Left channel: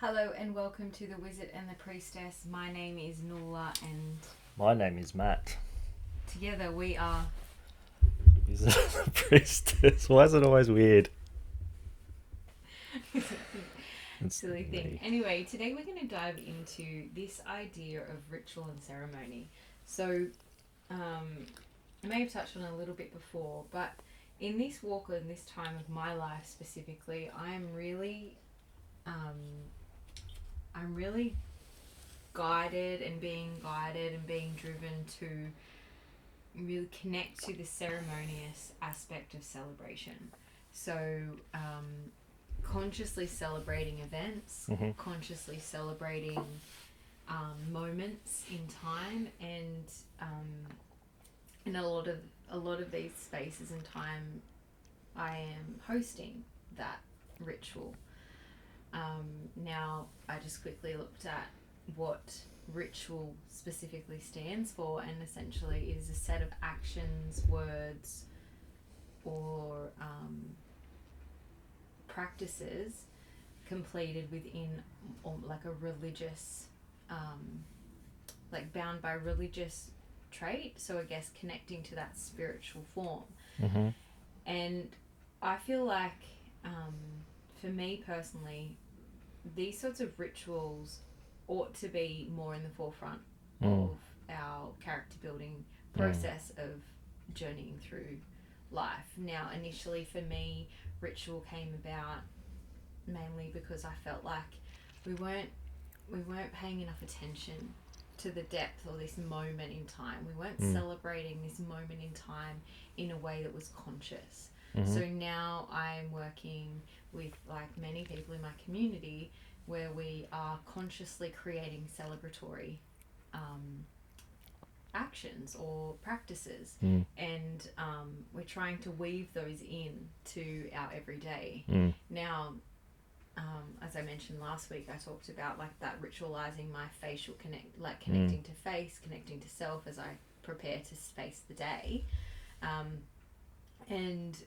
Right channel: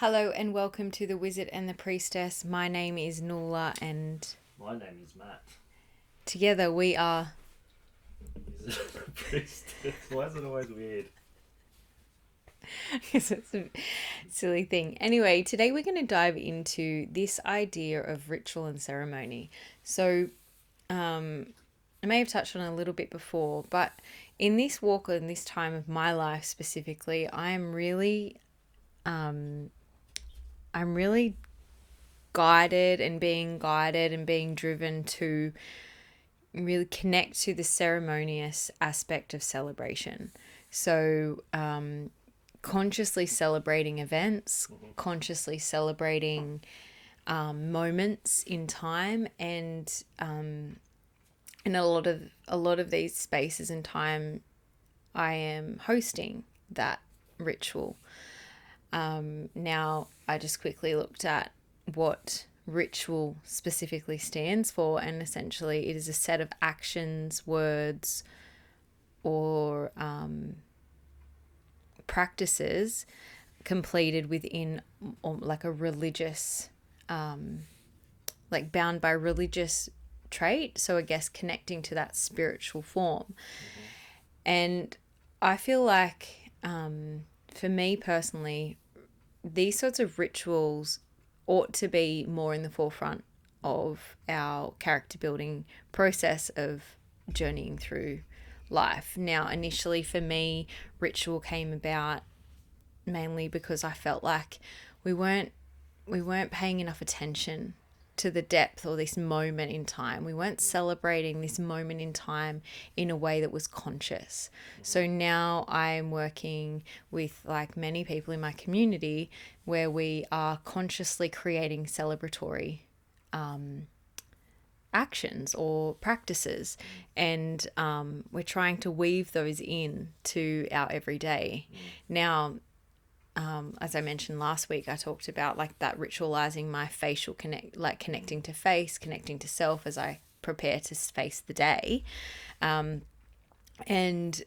Hello and welcome to The Wizard and the Priestess. My name is Nuala and My name is Matt. together we are... He's a priestess. Why is it always weird? it's a silly thing. Anyway, today we're going to dive into this idea of ritual and ceremony. So, I may have touched on it a little bit before, but in this walk and this time of my life specifically, I'm really guided and being driven to really connect to the ceremonious aspect of celebration. So, consciously celebrating events, consciously celebrating moments in time, and in a lot of these spaces in time, I am hosting that ritual. Now, I just quickly looked at what ritual specifically stands for, and essentially it is a set of actions, words, or practices completed within like a religious, like bound by religious trait. So I guess connecting to that spiritual form. And I feel like, for me personally, these sorts of rituals ought to be more in the forefront of our character building process of journeying through life. Now, initially for me, ritual came about mainly because I felt like we weren't paying enough attention to the depth or this moment in time. We weren't celebrating this moment in time in a way that was conscious. So now I'm working with like many people in my community where we are consciously creating celebratory actions or practices, and we're trying to weave those in to our everyday. Now, as I mentioned last week, I talked about like that ritualizing my facial connecting to face, connecting to self as I prepare to face the day. And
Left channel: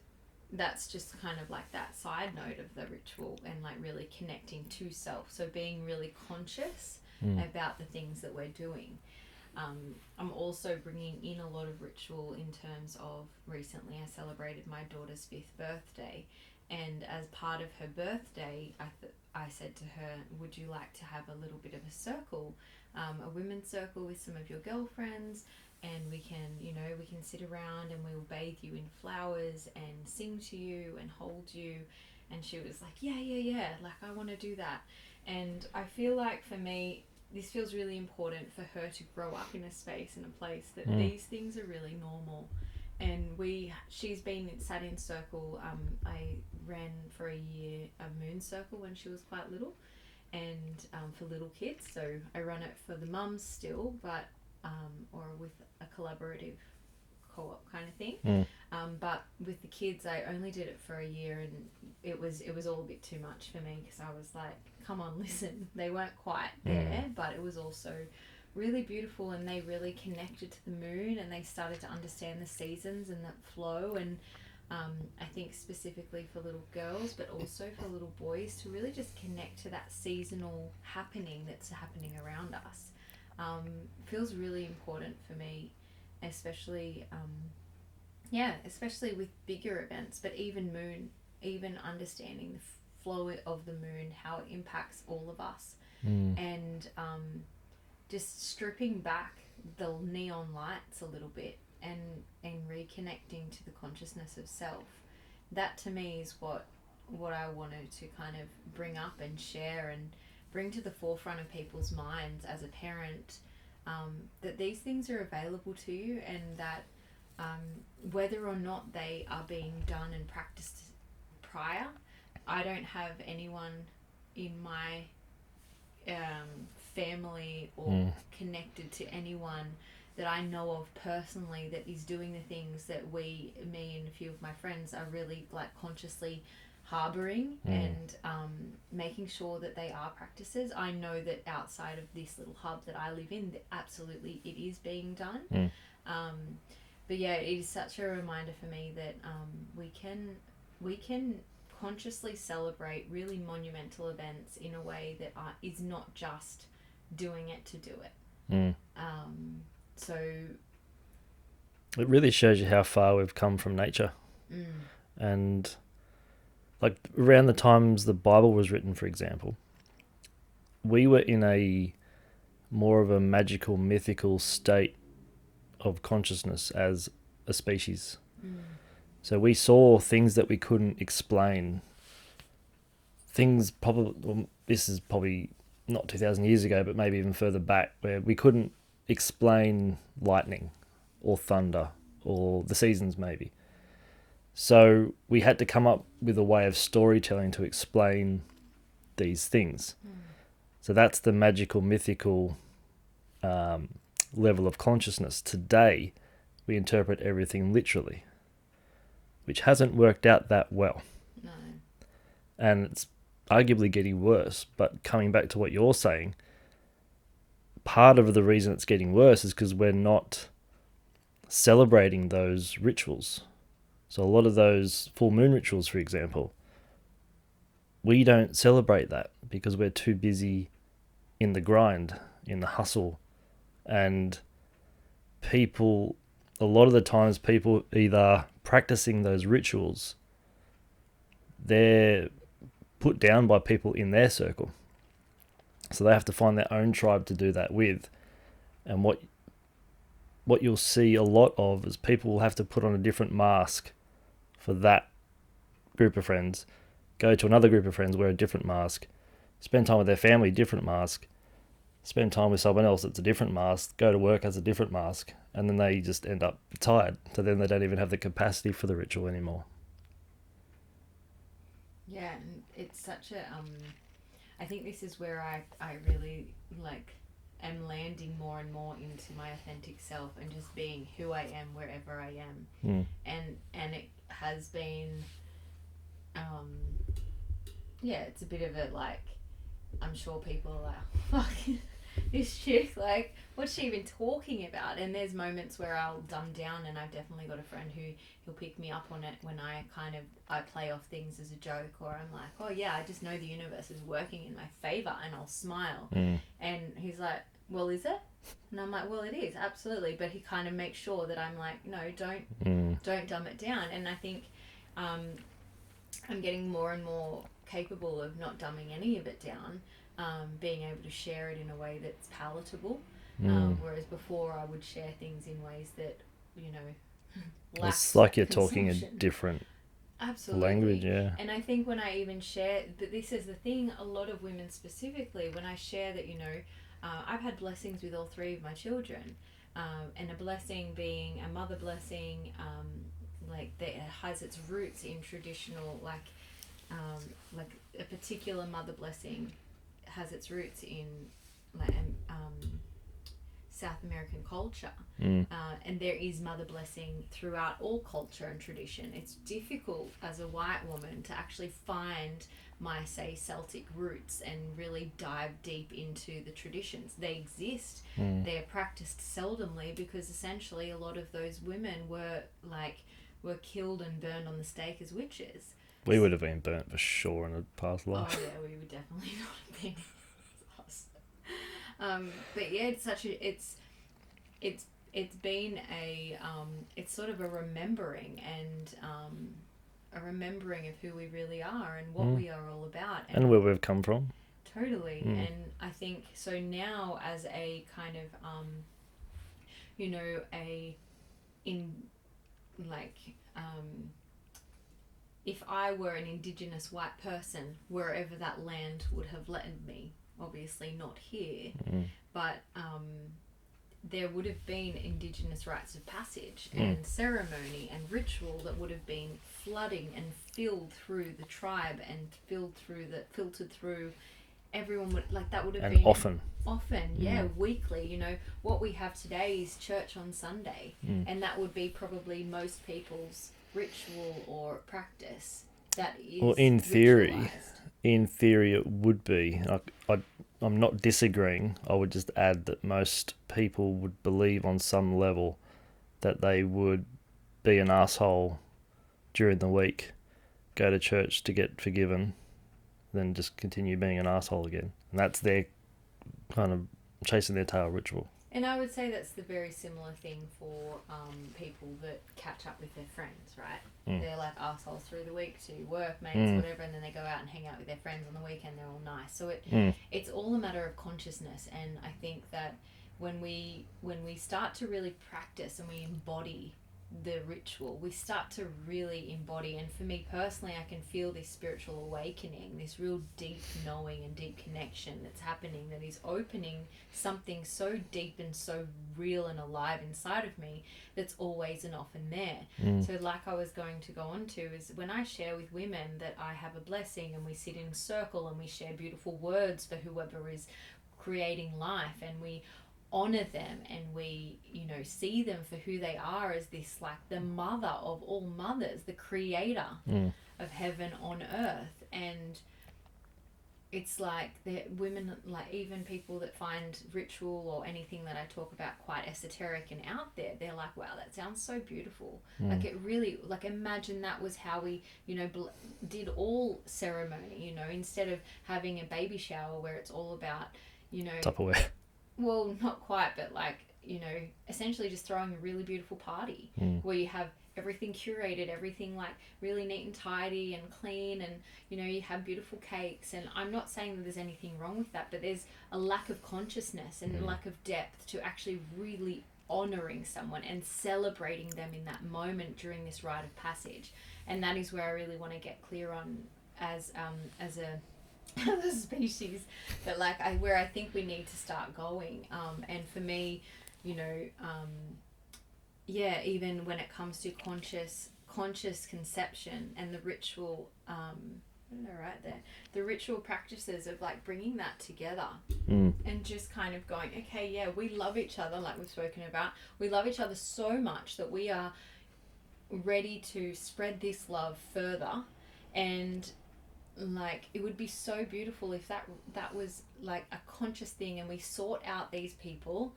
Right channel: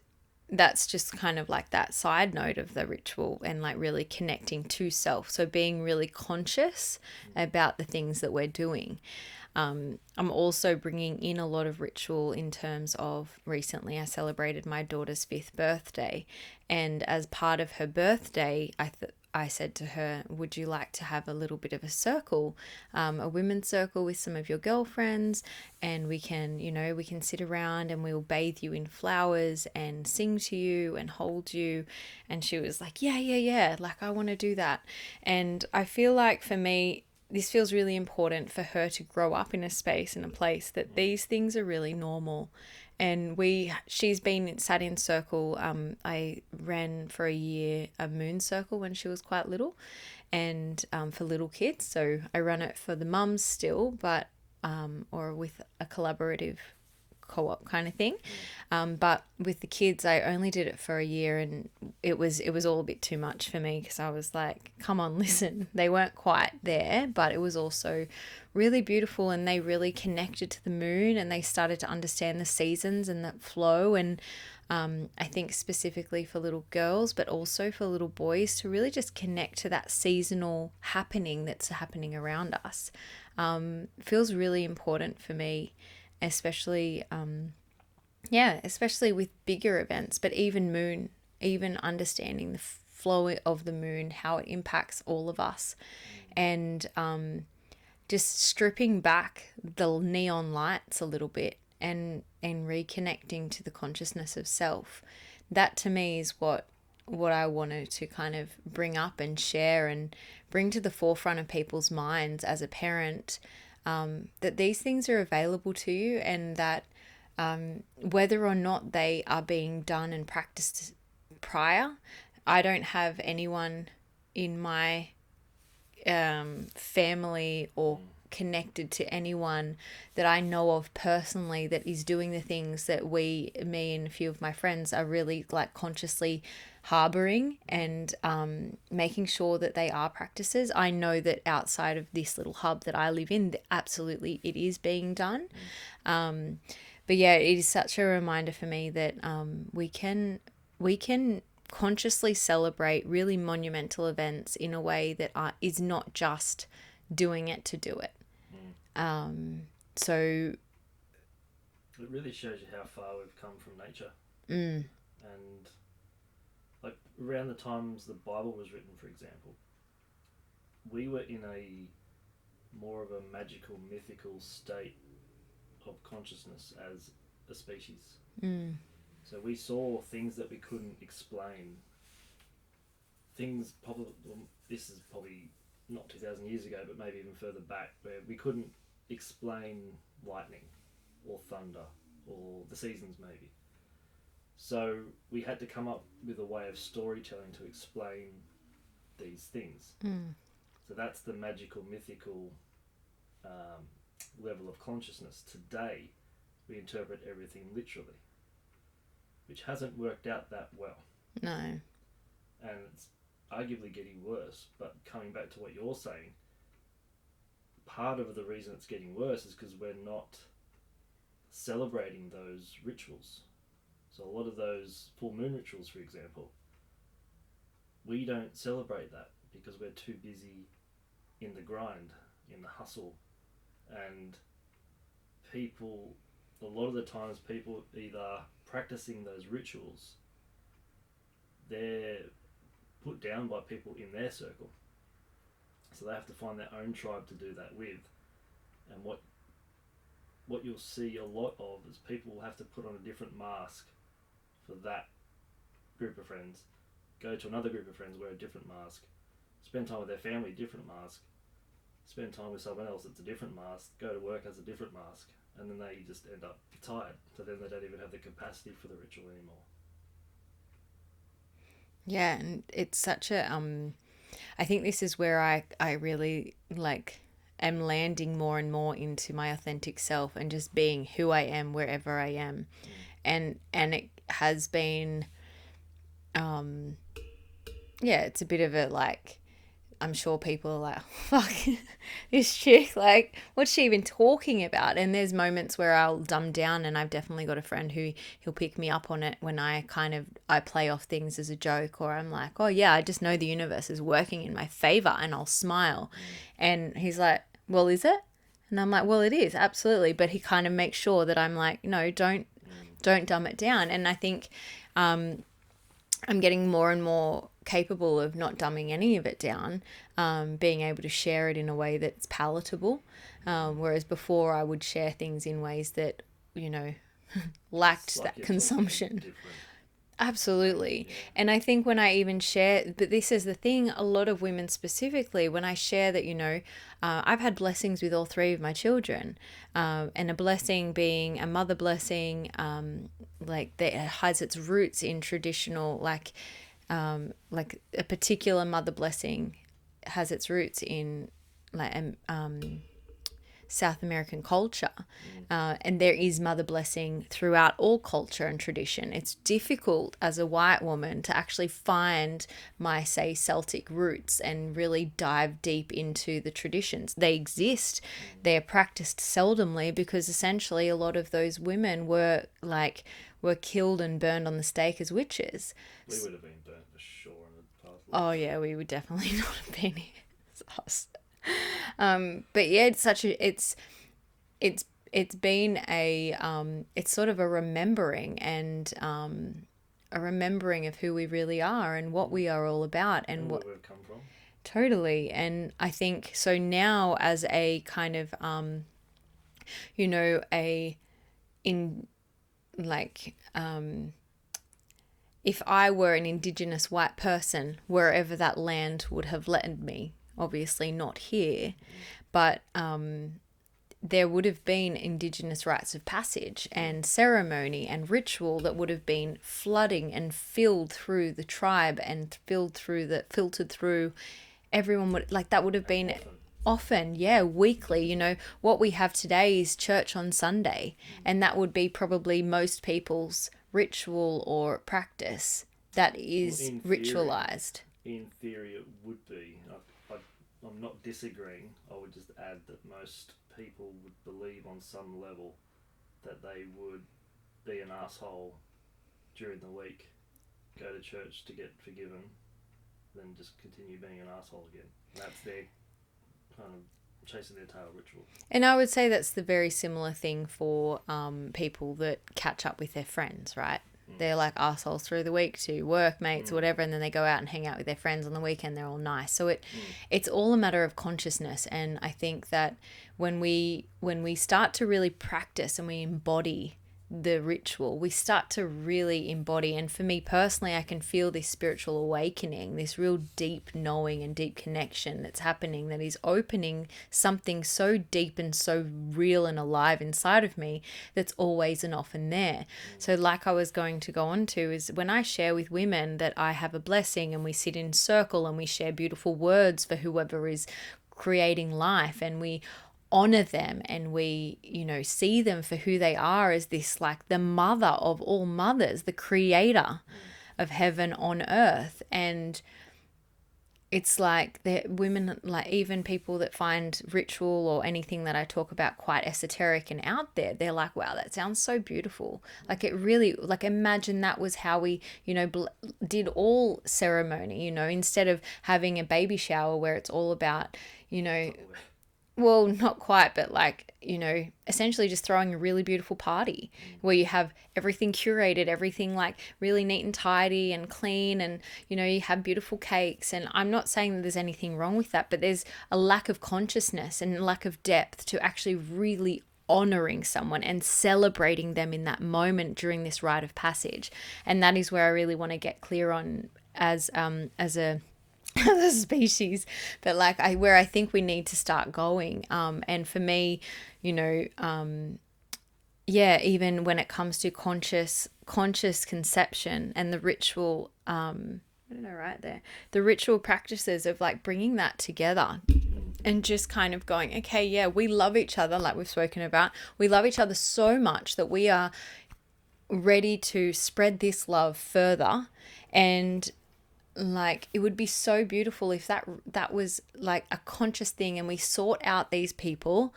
that's just kind of like that side note of the ritual, and like really connecting to self. So being really conscious about the things that we're doing. I'm also bringing in a lot of ritual in terms of recently I celebrated my daughter's 5th birthday. And as part of her birthday, I said to her, would you like to have a little bit of a circle, a women's circle with some of your girlfriends, and we can sit around and we'll bathe you in flowers and sing to you and hold you. And she was like, yeah, like I want to do that. And I feel like for me, this feels really important for her to grow up in a space and a place that these things are really normal. And she's been sat in circle. I ran for a year a moon circle when she was quite little, and for little kids. So I run it for the mums still, but or with a collaborative co-op kind of thing. But with the kids, I only did it for a year, and it was all a bit too much for me because I was like, come on, listen. They weren't quite there, but it was also really beautiful, and they really connected to the moon, and they started to understand the seasons and that flow. And I think specifically for little girls, but also for little boys, to really just connect to that seasonal happening that's happening around us. Feels really important for me, especially especially with bigger events, but even understanding the flow of the moon, how it impacts all of us. And just stripping back the neon lights a little bit, and reconnecting to the consciousness of self. That to me is what I wanted to kind of bring up and share and bring to the forefront of people's minds as a parent, that these things are available to you, and that whether or not they are being done and practiced prior, I don't have anyone in my family or connected to anyone that I know of personally that is doing the things that me and a few of my friends are really like consciously harboring and making sure that they are practices. I know that outside of this little hub that I live in, absolutely it is being done. But yeah, it is such a reminder for me that we can consciously celebrate really monumental events in a way that is not just doing it to do it. So it really shows you how far we've come from nature. And like around the times the Bible was written, for example, we were in a more of a magical, mythical state of consciousness as a species. So we saw things that we couldn't explain. Things probably, well, this is probably not 2,000 years ago, but maybe even further back, where we couldn't explain lightning or thunder or the seasons maybe. So we had to come up with a way of storytelling to explain these things. So that's the magical, mythical level of consciousness. Today, we interpret everything literally, which hasn't worked out that well. no. And it's arguably getting worse. But coming back to what you're saying, part of the reason it's getting worse is because we're not celebrating those rituals. So a lot of those full moon rituals, for example, we don't celebrate that because we're too busy in the grind, in the hustle. And people, a lot of the times, people either practicing those rituals, they're put down by people in their circle. So they have to find their own tribe to do that with. And what you'll see a lot of is people will have to put on a different mask for that group of friends, go to another group of friends, wear a different mask, spend time with their family, different mask, spend time with someone else, it's a different mask, go to work as a different mask, and then they just end up tired. So then they don't even have the capacity for the ritual anymore. Yeah, and it's such a I think this is where I really am landing more and more into my authentic self and just being who I am wherever I am. And it has been it's a bit of a I'm sure people are like, fuck, this chick, what's she even talking about? And there's moments where I'll dumb down, and I've definitely got a friend he'll pick me up on it when I play off things as a joke, or I'm like, oh yeah, I just know the universe is working in my favor, and I'll smile. And he's like, well, is it? And I'm like, well, it is, absolutely. But he kind of makes sure that I'm like, no, don't dumb it down. And I think I'm getting more and more capable of not dumbing any of it down, being able to share it in a way that's palatable. Whereas before I would share things in ways that, lacked It's like you're consumption. talking a different Absolutely. language, yeah. And I think when I even share, but this is the thing, a lot of women specifically, when I share that, I've had blessings with all three of my children, and a blessing being a mother blessing, that has its roots in traditional, a particular mother blessing has its roots in South American culture, and there is mother blessing throughout all culture and tradition. It's difficult as a white woman to actually find my, say, Celtic roots and really dive deep into the traditions. They exist. They're practiced seldomly because essentially a lot of those women were killed and burned on the stake as witches. We would have been burnt for sure in a past life. Oh yeah, we would definitely not have been us. But yeah, it's been a it's sort of a remembering, and a remembering of who we really are and what we are all about, and where we've come from. Totally. And I think so now, as a kind of if I were an Indigenous white person, wherever that land would have led me, obviously not here, but there would have been Indigenous rites of passage and ceremony and ritual that would have been flooding and filled through the tribe and filtered through everyone. That would have been often, weekly. What we have today is church on Sunday, and that would be probably most people's ritual or practice that is ritualized. In theory, it would be. I'm not disagreeing. I would just add that most people would believe on some level that they would be an asshole during the week, go to church to get forgiven than just continue being an asshole again. And that's their kind of chasing their tail ritual. And I would say that's the very similar thing for people that catch up with their friends, right? They're like assholes through the week to workmates or whatever, and then they go out and hang out with their friends on the weekend. They're all nice. So it's all a matter of consciousness. And I think that when we start to really practice and we embody the ritual, we start to really embody. And for me personally, I can feel this spiritual awakening, this real deep knowing and deep connection that's happening, that is opening something so deep and so real and alive inside of me that's always and often there. So like I was going to go on to is when I share with women that I have a blessing and we sit in circle and we share beautiful words for whoever is creating life, and we honor them and we, you know, see them for who they are as this, like the mother of all mothers, the creator of heaven on earth. And it's like the women, like even people that find ritual or anything that I talk about quite esoteric and out there, they're like, wow, that sounds so beautiful. Like it really, like imagine that was how we, you know, did all ceremony, you know, instead of having a baby shower where it's all about, you know, Tupperware. Well, not quite, but like, you know, essentially just throwing a really beautiful party where you have everything curated, everything like really neat and tidy and clean, and, you know, you have beautiful cakes. And I'm not saying that there's anything wrong with that, but there's a lack of consciousness and lack of depth to actually really honoring someone and celebrating them in that moment during this rite of passage. And that is where I really want to get clear on as a the species, but like where I think we need to start going. And for me, you know, even when it comes to conscious conception and the ritual, I don't know, right there, the ritual practices of like bringing that together and just kind of going, okay, yeah, we love each other, like we've spoken about. We love each other so much that we are ready to spread this love further. And like it would be so beautiful if that was like a conscious thing, and we sought out these people,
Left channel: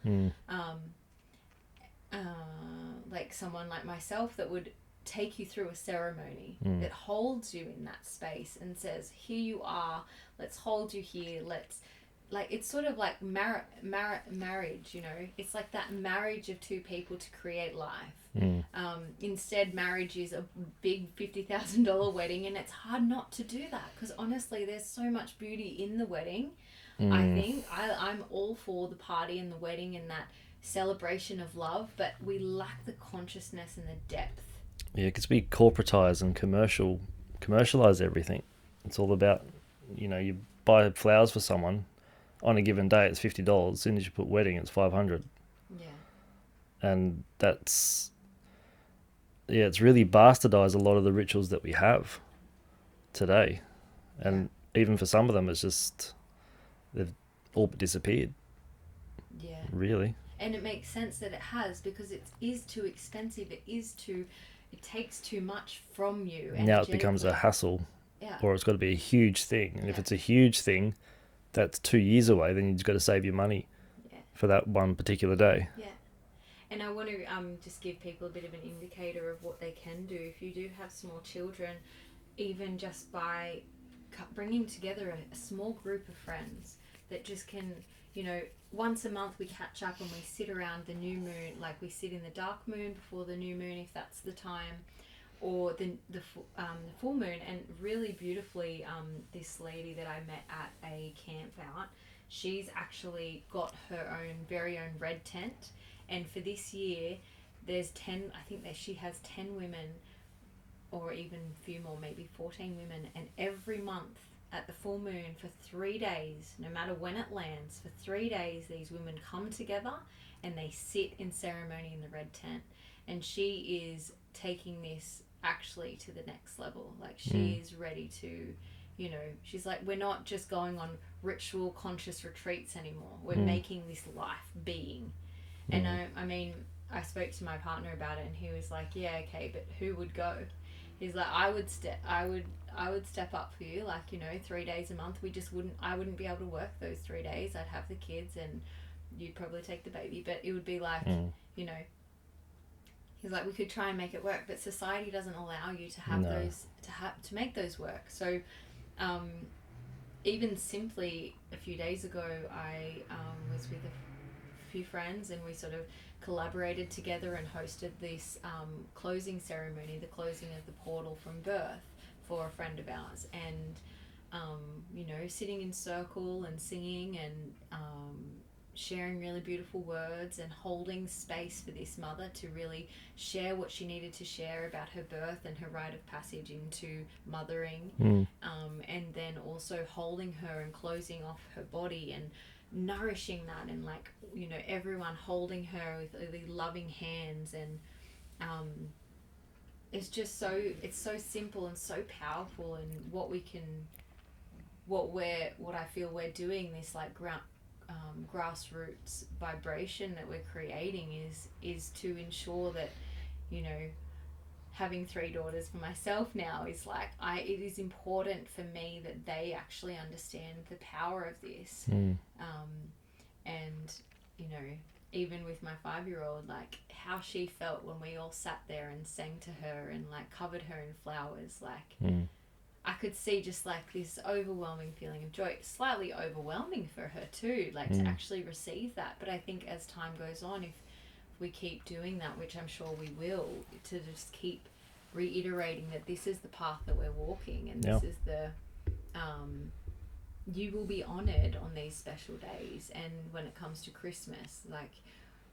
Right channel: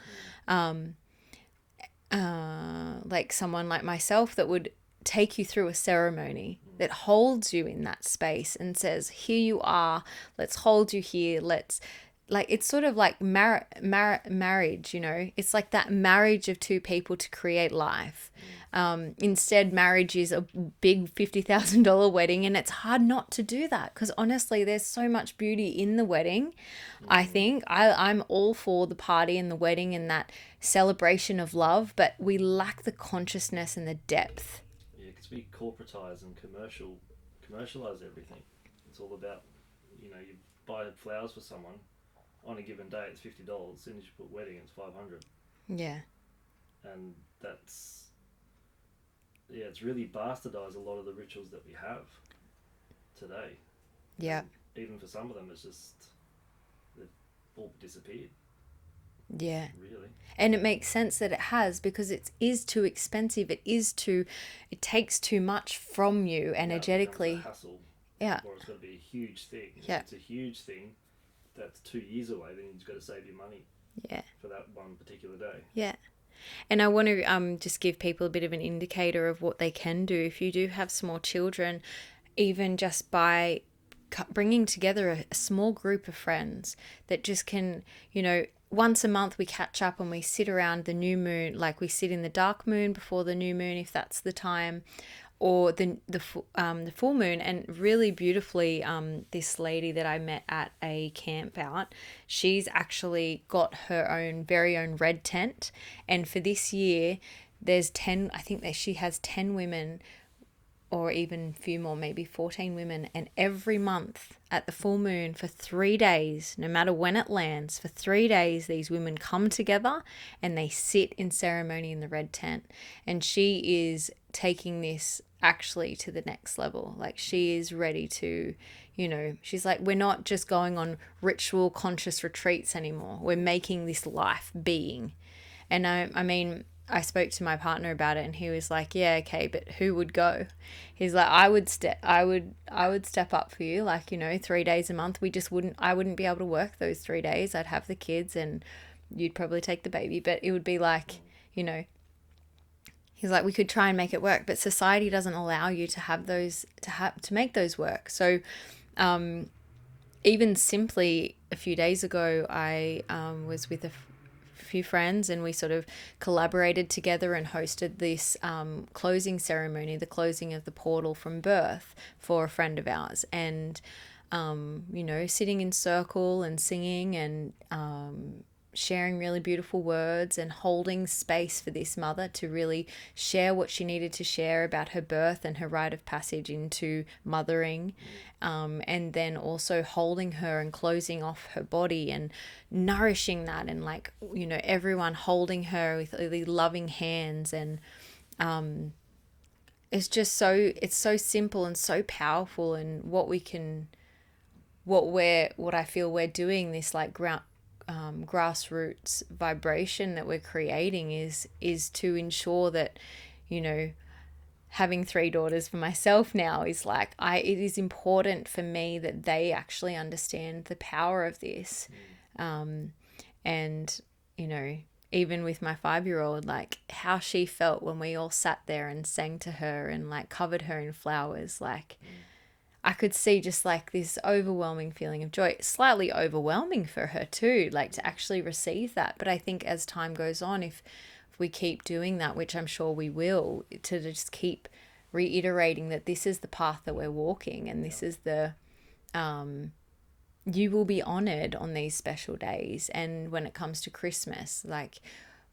like someone like myself that would take you through a ceremony that holds you in that space and says, here you are, let's hold you here, let's, like, it's sort of like marriage, you know, it's like that marriage of two people to create life. Instead, marriage is a big $50,000 wedding, and it's hard not to do that because honestly, there's so much beauty in the wedding. I think I'm all for the party and the wedding and that celebration of love, but we lack the consciousness and the depth. Yeah, because we corporatize and commercialize everything. It's all about, you know, you buy flowers for someone on a given day, it's $50. As soon as you put wedding, it's $500. Yeah. And that's, yeah, it's really bastardized a lot of the rituals that we have today. And even for some of them, it's just, they've all disappeared. Yeah. Really. And it makes sense that it has, because it is too expensive. It takes too much from you energetically. Now it becomes a hassle. Yeah. Or it's got to be a huge thing. And if it's a huge thing that's 2 years away, then you've got to save your money for that one particular day. Yeah. And I want to just give people a bit of an indicator of what they can do. If you do have small children, even just by bringing together a small group of friends that just can, you know, once a month we catch up and we sit around the new moon, like we sit in the dark moon before the new moon, if that's the time, or the full moon. And really beautifully, this lady that I met at a camp out, she's actually got her very own red tent. And for this year, there's 10, I think that she has 10 women, or even a few more, maybe 14 women. And every month at the full moon for 3 days, no matter when it lands, for 3 days, these women come together and they sit in ceremony in the red tent. And she is taking this actually to the next level. Like she is ready to, you know, she's like, we're not just going on ritual conscious retreats anymore. We're making this life being. And I mean, I spoke to my partner about it and he was like, yeah, okay, but who would go? He's like, I would step up for you. Like, you know, 3 days a month, I wouldn't be able to work those 3 days. I'd have the kids and you'd probably take the baby, but it would be like, you know, he's like, we could try and make it work, but society doesn't allow you to have No. those, to make those work. So even simply a few days ago, I was with a few friends, and we sort of collaborated together and hosted this closing ceremony, the closing of the portal from birth for a friend of ours. And you know, sitting in circle and singing and sharing really beautiful words and holding space for this mother to really share what she needed to share about her birth and her rite of passage into mothering. And then also holding her and closing off her body and nourishing that, and like, you know, everyone holding her with really loving hands. And it's just it's so simple and so powerful. And what I feel we're doing, this like grassroots vibration that we're creating is to ensure that, you know, having 3 daughters for myself now is like, it is important for me that they actually understand the power of this. And, you know, even with my 5-year-old, like how she felt when we all sat there and sang to her and like covered her in flowers, like I could see just like this overwhelming feeling of joy, slightly overwhelming for her too, like to actually receive that. But I think as time goes on, if we keep doing that, which I'm sure we will, to just keep reiterating that this is the path that we're walking, and this is the, you will be honored on these special days. And when it comes to Christmas, like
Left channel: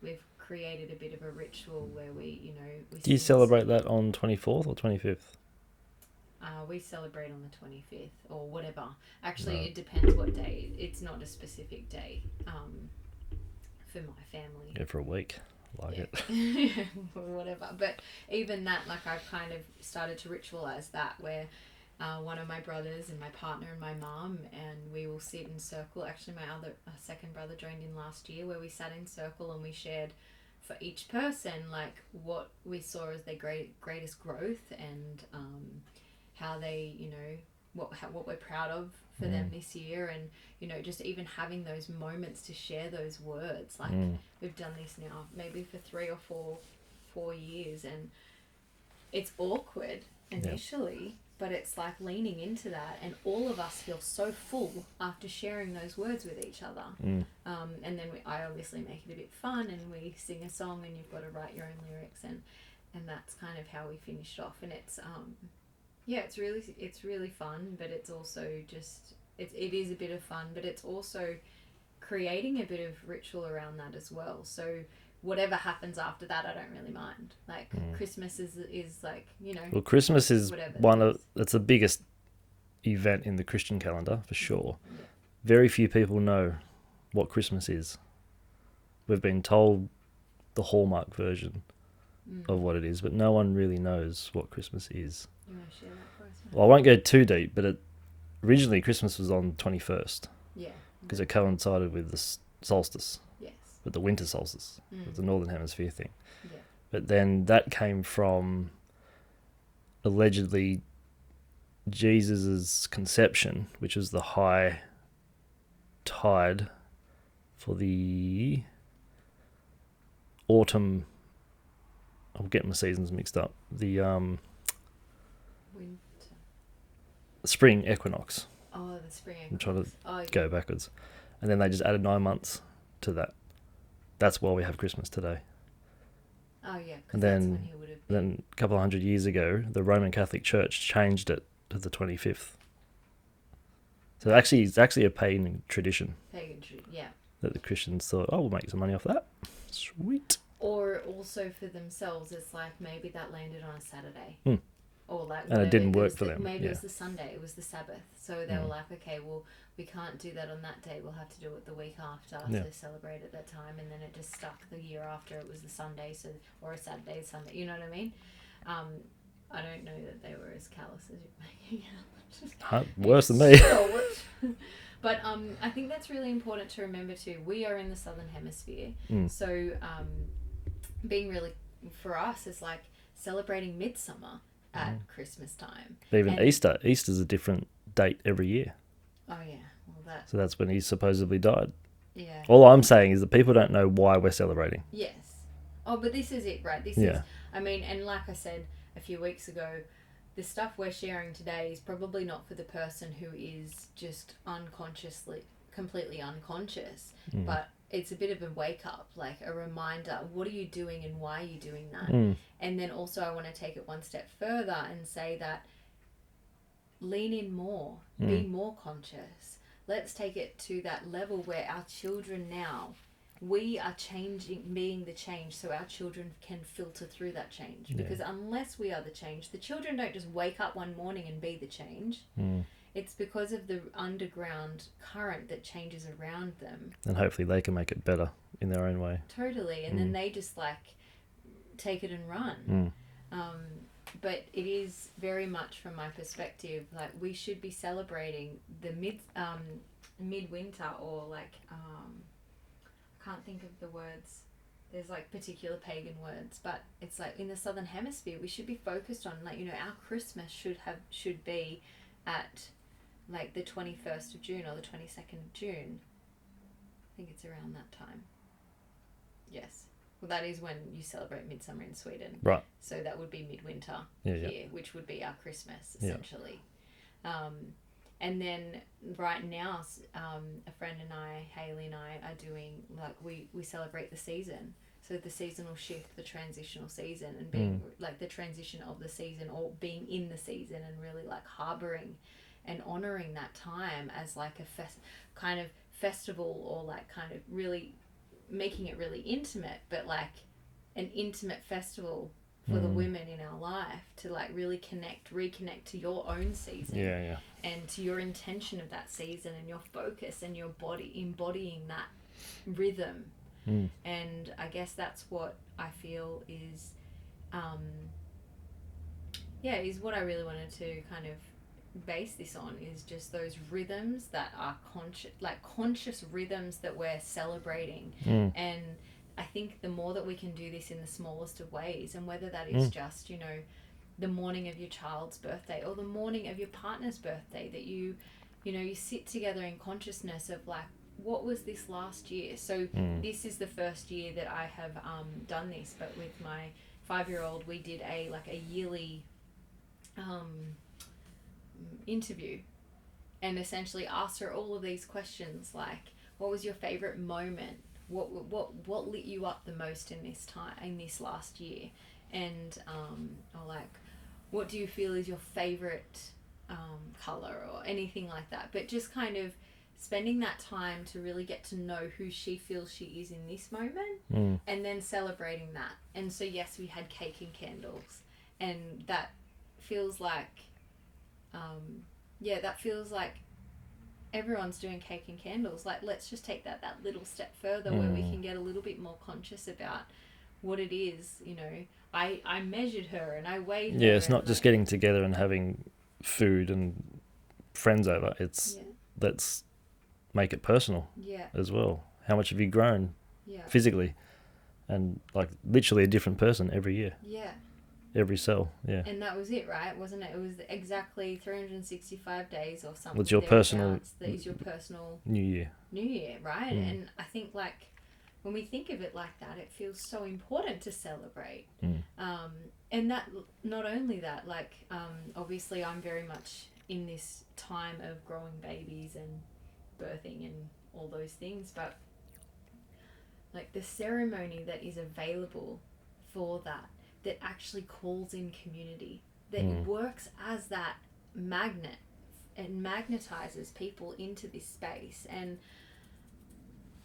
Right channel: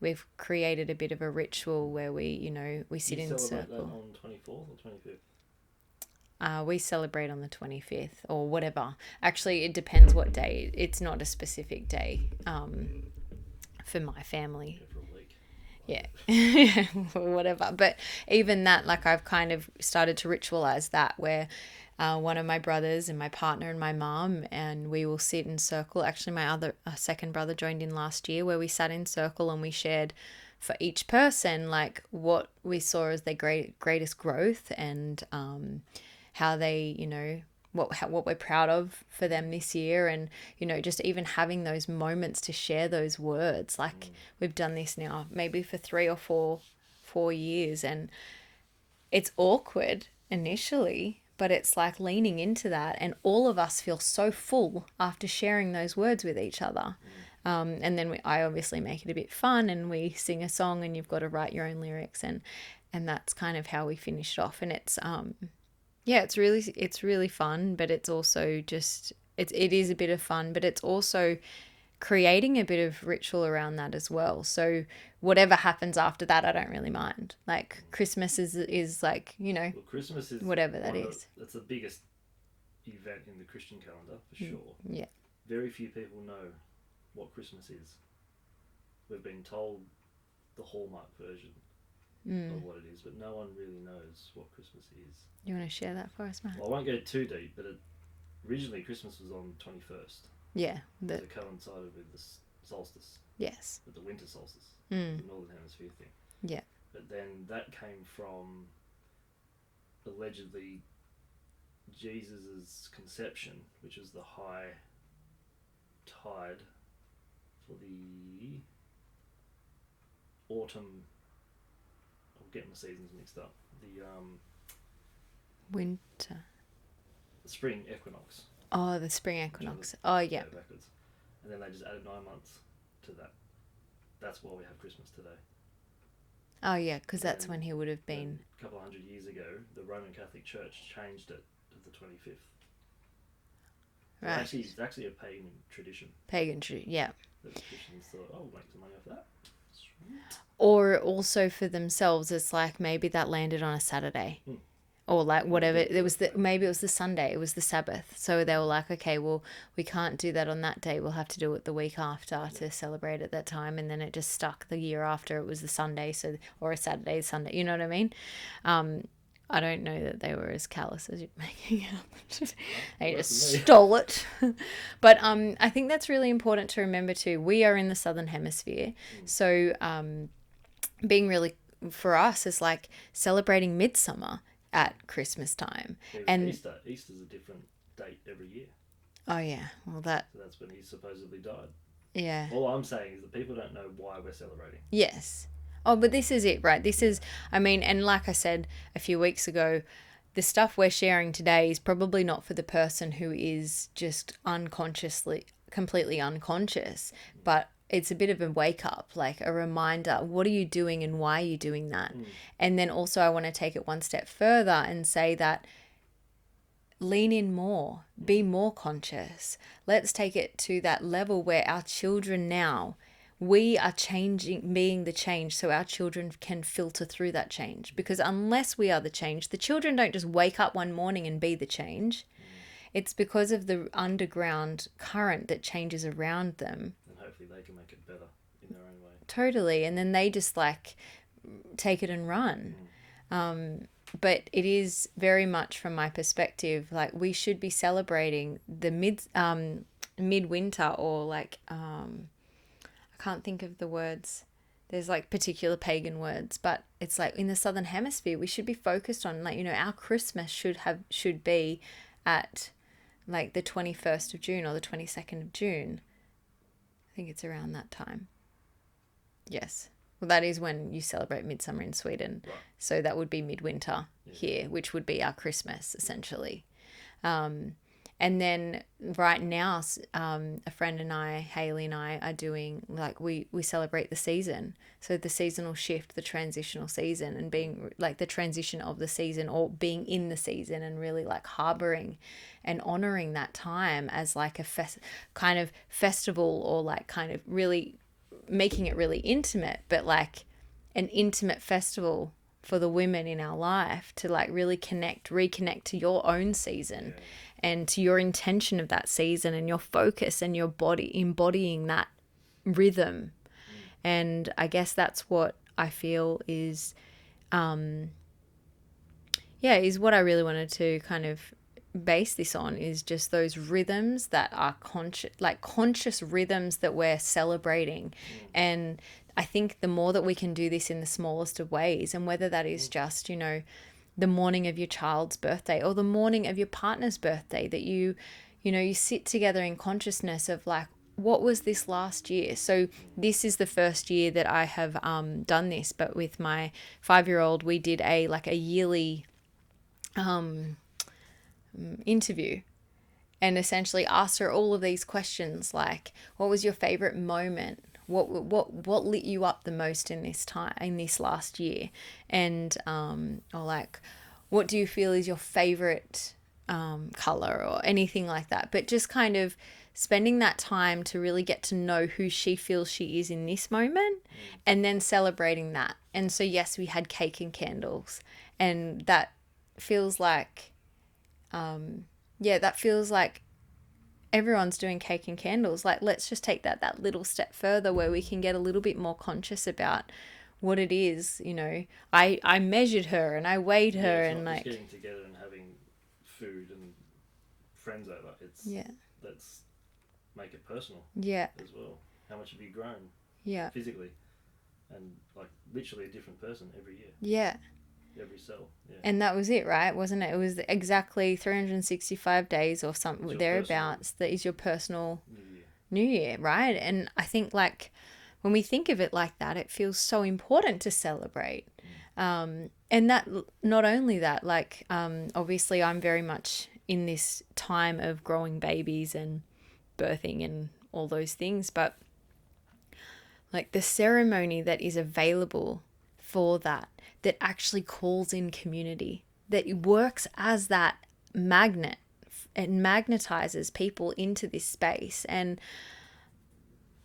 we've created a bit of a ritual where we, you know, we sit. Do you celebrate that on 24th or 25th? We celebrate on the 25th or whatever. Actually, it depends what day. It's not a specific day for my family. Yeah, for a week. Yeah, or whatever. But even that, like I've kind of started to ritualize that, where one of my brothers and my partner and my mum, and we will sit in circle. Actually, my second brother joined in last year, where we sat in circle and we shared for each person like what we saw as their greatest growth, and how they, you know, what we're proud of for them this year. And, you know, just even having those moments to share those words. Like we've done this now maybe for 3 or 4 years, and it's awkward initially, but it's like leaning into that, and all of us feel so full after sharing those words with each other. And then I obviously make it a bit fun, and we sing a song, and you've got to write your own lyrics, and that's kind of how we finished off. And it's yeah, it's really fun, but it's also just it is a bit of fun, but it's also creating a bit of ritual around that as well. So whatever happens after that, I don't really mind. Like Christmas is like, you know, well, Christmas is whatever it's the biggest event in the Christian calendar for sure. Yeah. Very few people know what Christmas is. We've been told the Hallmark version of what it is, but no one really knows what Christmas is. You want to share that for us, Matt? Well, I won't go too deep, but originally Christmas was on the 21st. Yeah. Because it coincided with the solstice. Yes. With the winter solstice. The Northern Hemisphere thing. Yeah. But then that came from allegedly Jesus's conception, which was the high tide for the autumn. I'm getting my seasons mixed up. The winter. Spring equinox. Oh, the spring equinox. I'm trying to go backwards. And then they just added 9 months to that. That's why we have Christmas today. Oh, yeah, because that's when he would have been. Then a couple of hundred years ago, the Roman Catholic Church changed it to the 25th. So it's actually a pagan tradition. Yeah. That the Christians thought, oh, we'll make some money off that. Sweet. Or also for themselves, it's like maybe that landed on a Saturday. Or like whatever. It was it was the Sunday. It was the Sabbath. So they were like, okay, well, we can't do that on that day. We'll have to do it the week after to celebrate at that time. And then it just stuck the year after. It was the Sunday, or a Saturday, Sunday. You know what I mean? I don't know that they were as callous as you're making out. Worse than me. Stole it. But I think that's really important to remember too. We are in the Southern Hemisphere. So being really, for us, is like celebrating midsummer at Christmas time. Even Easter. Easter's a different date every year. Oh, yeah. Well, So that's when he supposedly died. Yeah. All I'm saying is that people don't know why we're celebrating. Yes. Oh, but this is it, right? This Yeah. is, I mean, and like I said a few weeks ago, the stuff we're sharing today is probably not for the person who is just completely unconscious, but it's a bit of a wake up, like a reminder. What are you doing and why are you doing that? And then also, I want to take it one step further and say that lean in more, be more conscious. Let's take it to that level where our children now, we are changing, being the change, so our children can filter through that change. Because unless we are the change, the children don't just wake up one morning and be the change. It's because of the underground current that changes around them. And hopefully they can make it better in their own way. Totally. And then they just like take it and run. But it is very much from my perspective, like we should be celebrating the midwinter, or like I can't think of the words. There's like particular pagan words, but it's like in the Southern Hemisphere we should be focused on, like, you know, our Christmas should be at like the 21st of June or the 22nd of June. I think it's around that time. Yes. Well, that is when you celebrate midsummer in Sweden. Right. So that would be midwinter here, which would be our Christmas, essentially. And then right now, a friend and I, Haley and I, are doing, like, we celebrate the season. So the seasonal shift, the transitional season, and being like the transition of the season, or being in the season, and really like harboring and honoring that time as like a kind of festival, or like kind of really making it really intimate, but like an intimate festival for the women in our life, to like really reconnect to your own season and to your intention of that season and your focus and your body embodying that rhythm. And I guess that's what I feel is is what I really wanted to kind of base this on, is just those rhythms that are conscious rhythms that we're celebrating. And I think the more that we can do this in the smallest of ways, and whether that is just, you know, the morning of your child's birthday or the morning of your partner's birthday, that you sit together in consciousness of like, what was this last year? So this is the first year that I have done this, but with my 5-year-old, we did a yearly interview, and essentially asked her all of these questions, like, what was your favorite moment? What lit you up the most in this last year? And or like, what do you feel is your favorite color, or anything like that? But just kind of spending that time to really get to know who she feels she is in this moment, and then celebrating that. And so yes, we had cake and candles, and that feels like that feels like everyone's doing cake and candles. Like, let's just take that little step further, where we can get a little bit more conscious about what it is. You know, I measured her and I weighed her. Yeah, it's not and just getting together and having food and friends over. It's let's make it personal as well. How much have you grown physically? And like literally a different person every year. Yeah. Every cell, And that was it, right? Wasn't it? It was exactly 365 days or something thereabouts. That is your personal New Year, right? And I think, like, when we think of it like that, it feels so important to celebrate. And that, not only that, like, obviously I'm very much in this time of growing babies and birthing and all those things, but like the ceremony that is available for that actually calls in community, that works as that magnet and magnetizes people into this space. And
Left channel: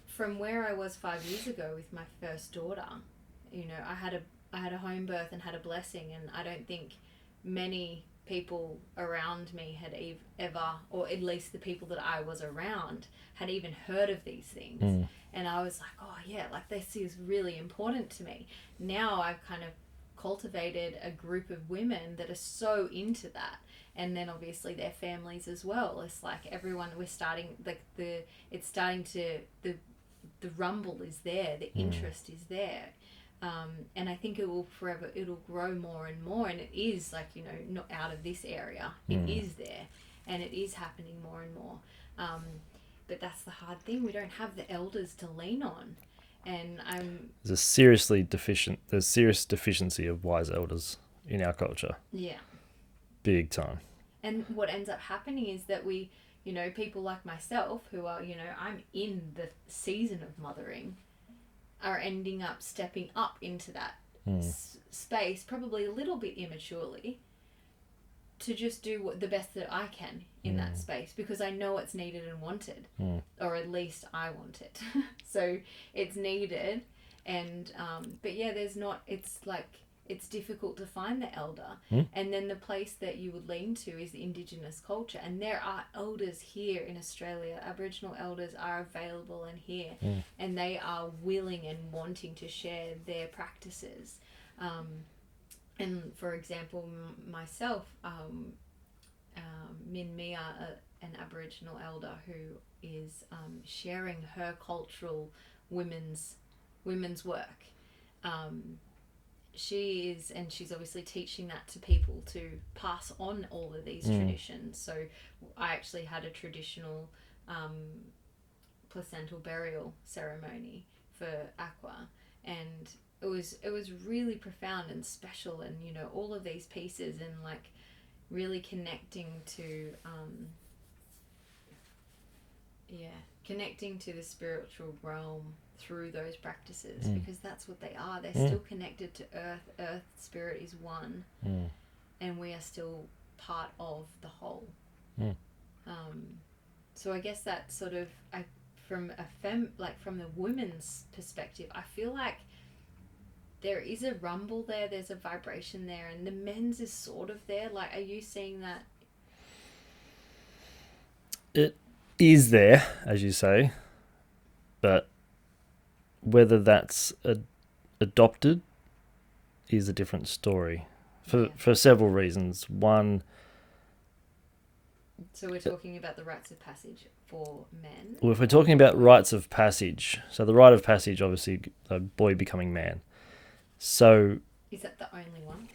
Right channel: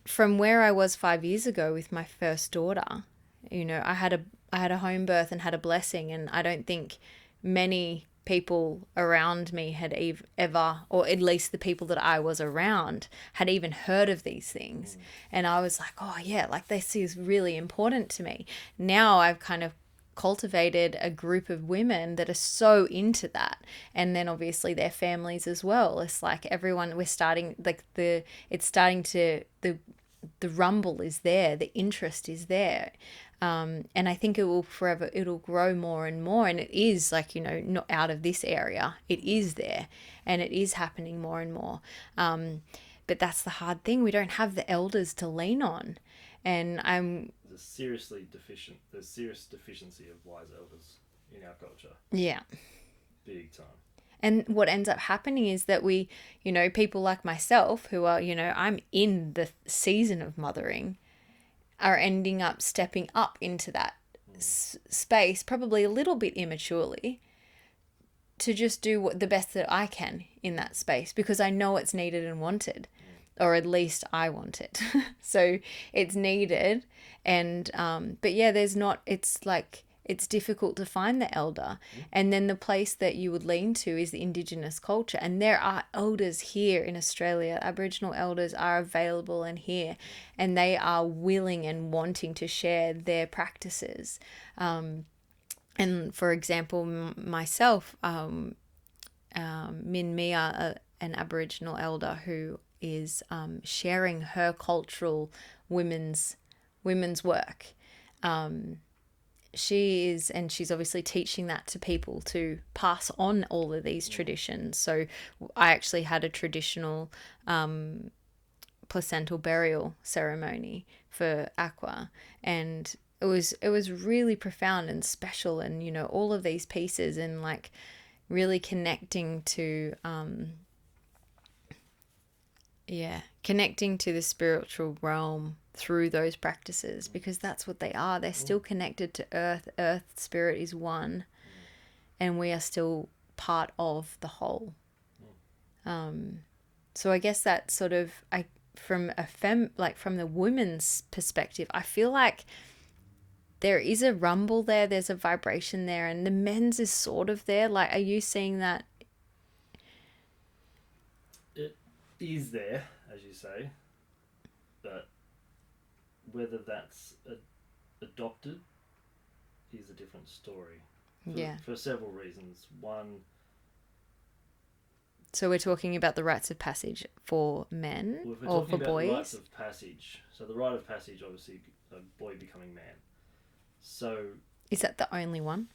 from where I was 5 years ago with my first daughter, you know, I had a home birth and had a blessing, and I don't think many people around me had ever, or at least the people that I was around, had even heard of these things. And I was like, oh yeah, like this is really important to me. Now I've kind of cultivated a group of women that are so into that, and then obviously their families as well. It's like everyone, we're starting, like the rumble is there, the interest is there, and I think it'll grow more and more, and it is, like, you know, not out of this area, it is there, and it is happening more and more, but that's the hard thing, we don't have the elders to lean on. And There's serious deficiency of wise elders in our culture. Yeah. Big time. And what ends up happening is that we, people like myself who are, I'm in the season of mothering, are ending up stepping up into that space, probably a little bit immaturely, to just do the best that I can in that space, because I know it's needed and wanted, or at least I want it. So it's needed. And, but yeah, it's difficult to find the elder. And then the place that you would lean to is the Indigenous culture. And there are elders here in Australia. Aboriginal elders are available and here, and they are willing and wanting to share their practices. And for example, myself, Min Mia, an Aboriginal elder who is sharing her cultural women's work. She's obviously teaching that to people to pass on all of these traditions. So I actually had a traditional placental burial ceremony for Aqua, and it was really profound and special, and all of these pieces, and like really connecting to connecting to the spiritual realm through those practices, because that's what they are. They're still connected to earth. Spirit is one, and we are still part of the whole. So I guess that sort of, from the women's perspective, I feel like there is a rumble there, there's a vibration there, and the men's is sort of there. Like, are you seeing that? It is there, as you say, but whether that's adopted is a different story for several reasons. One, so we're talking about the rites of passage for men. Well, if we're talking about rites of passage, so the rite of passage, obviously, a boy becoming man. So is that the only one?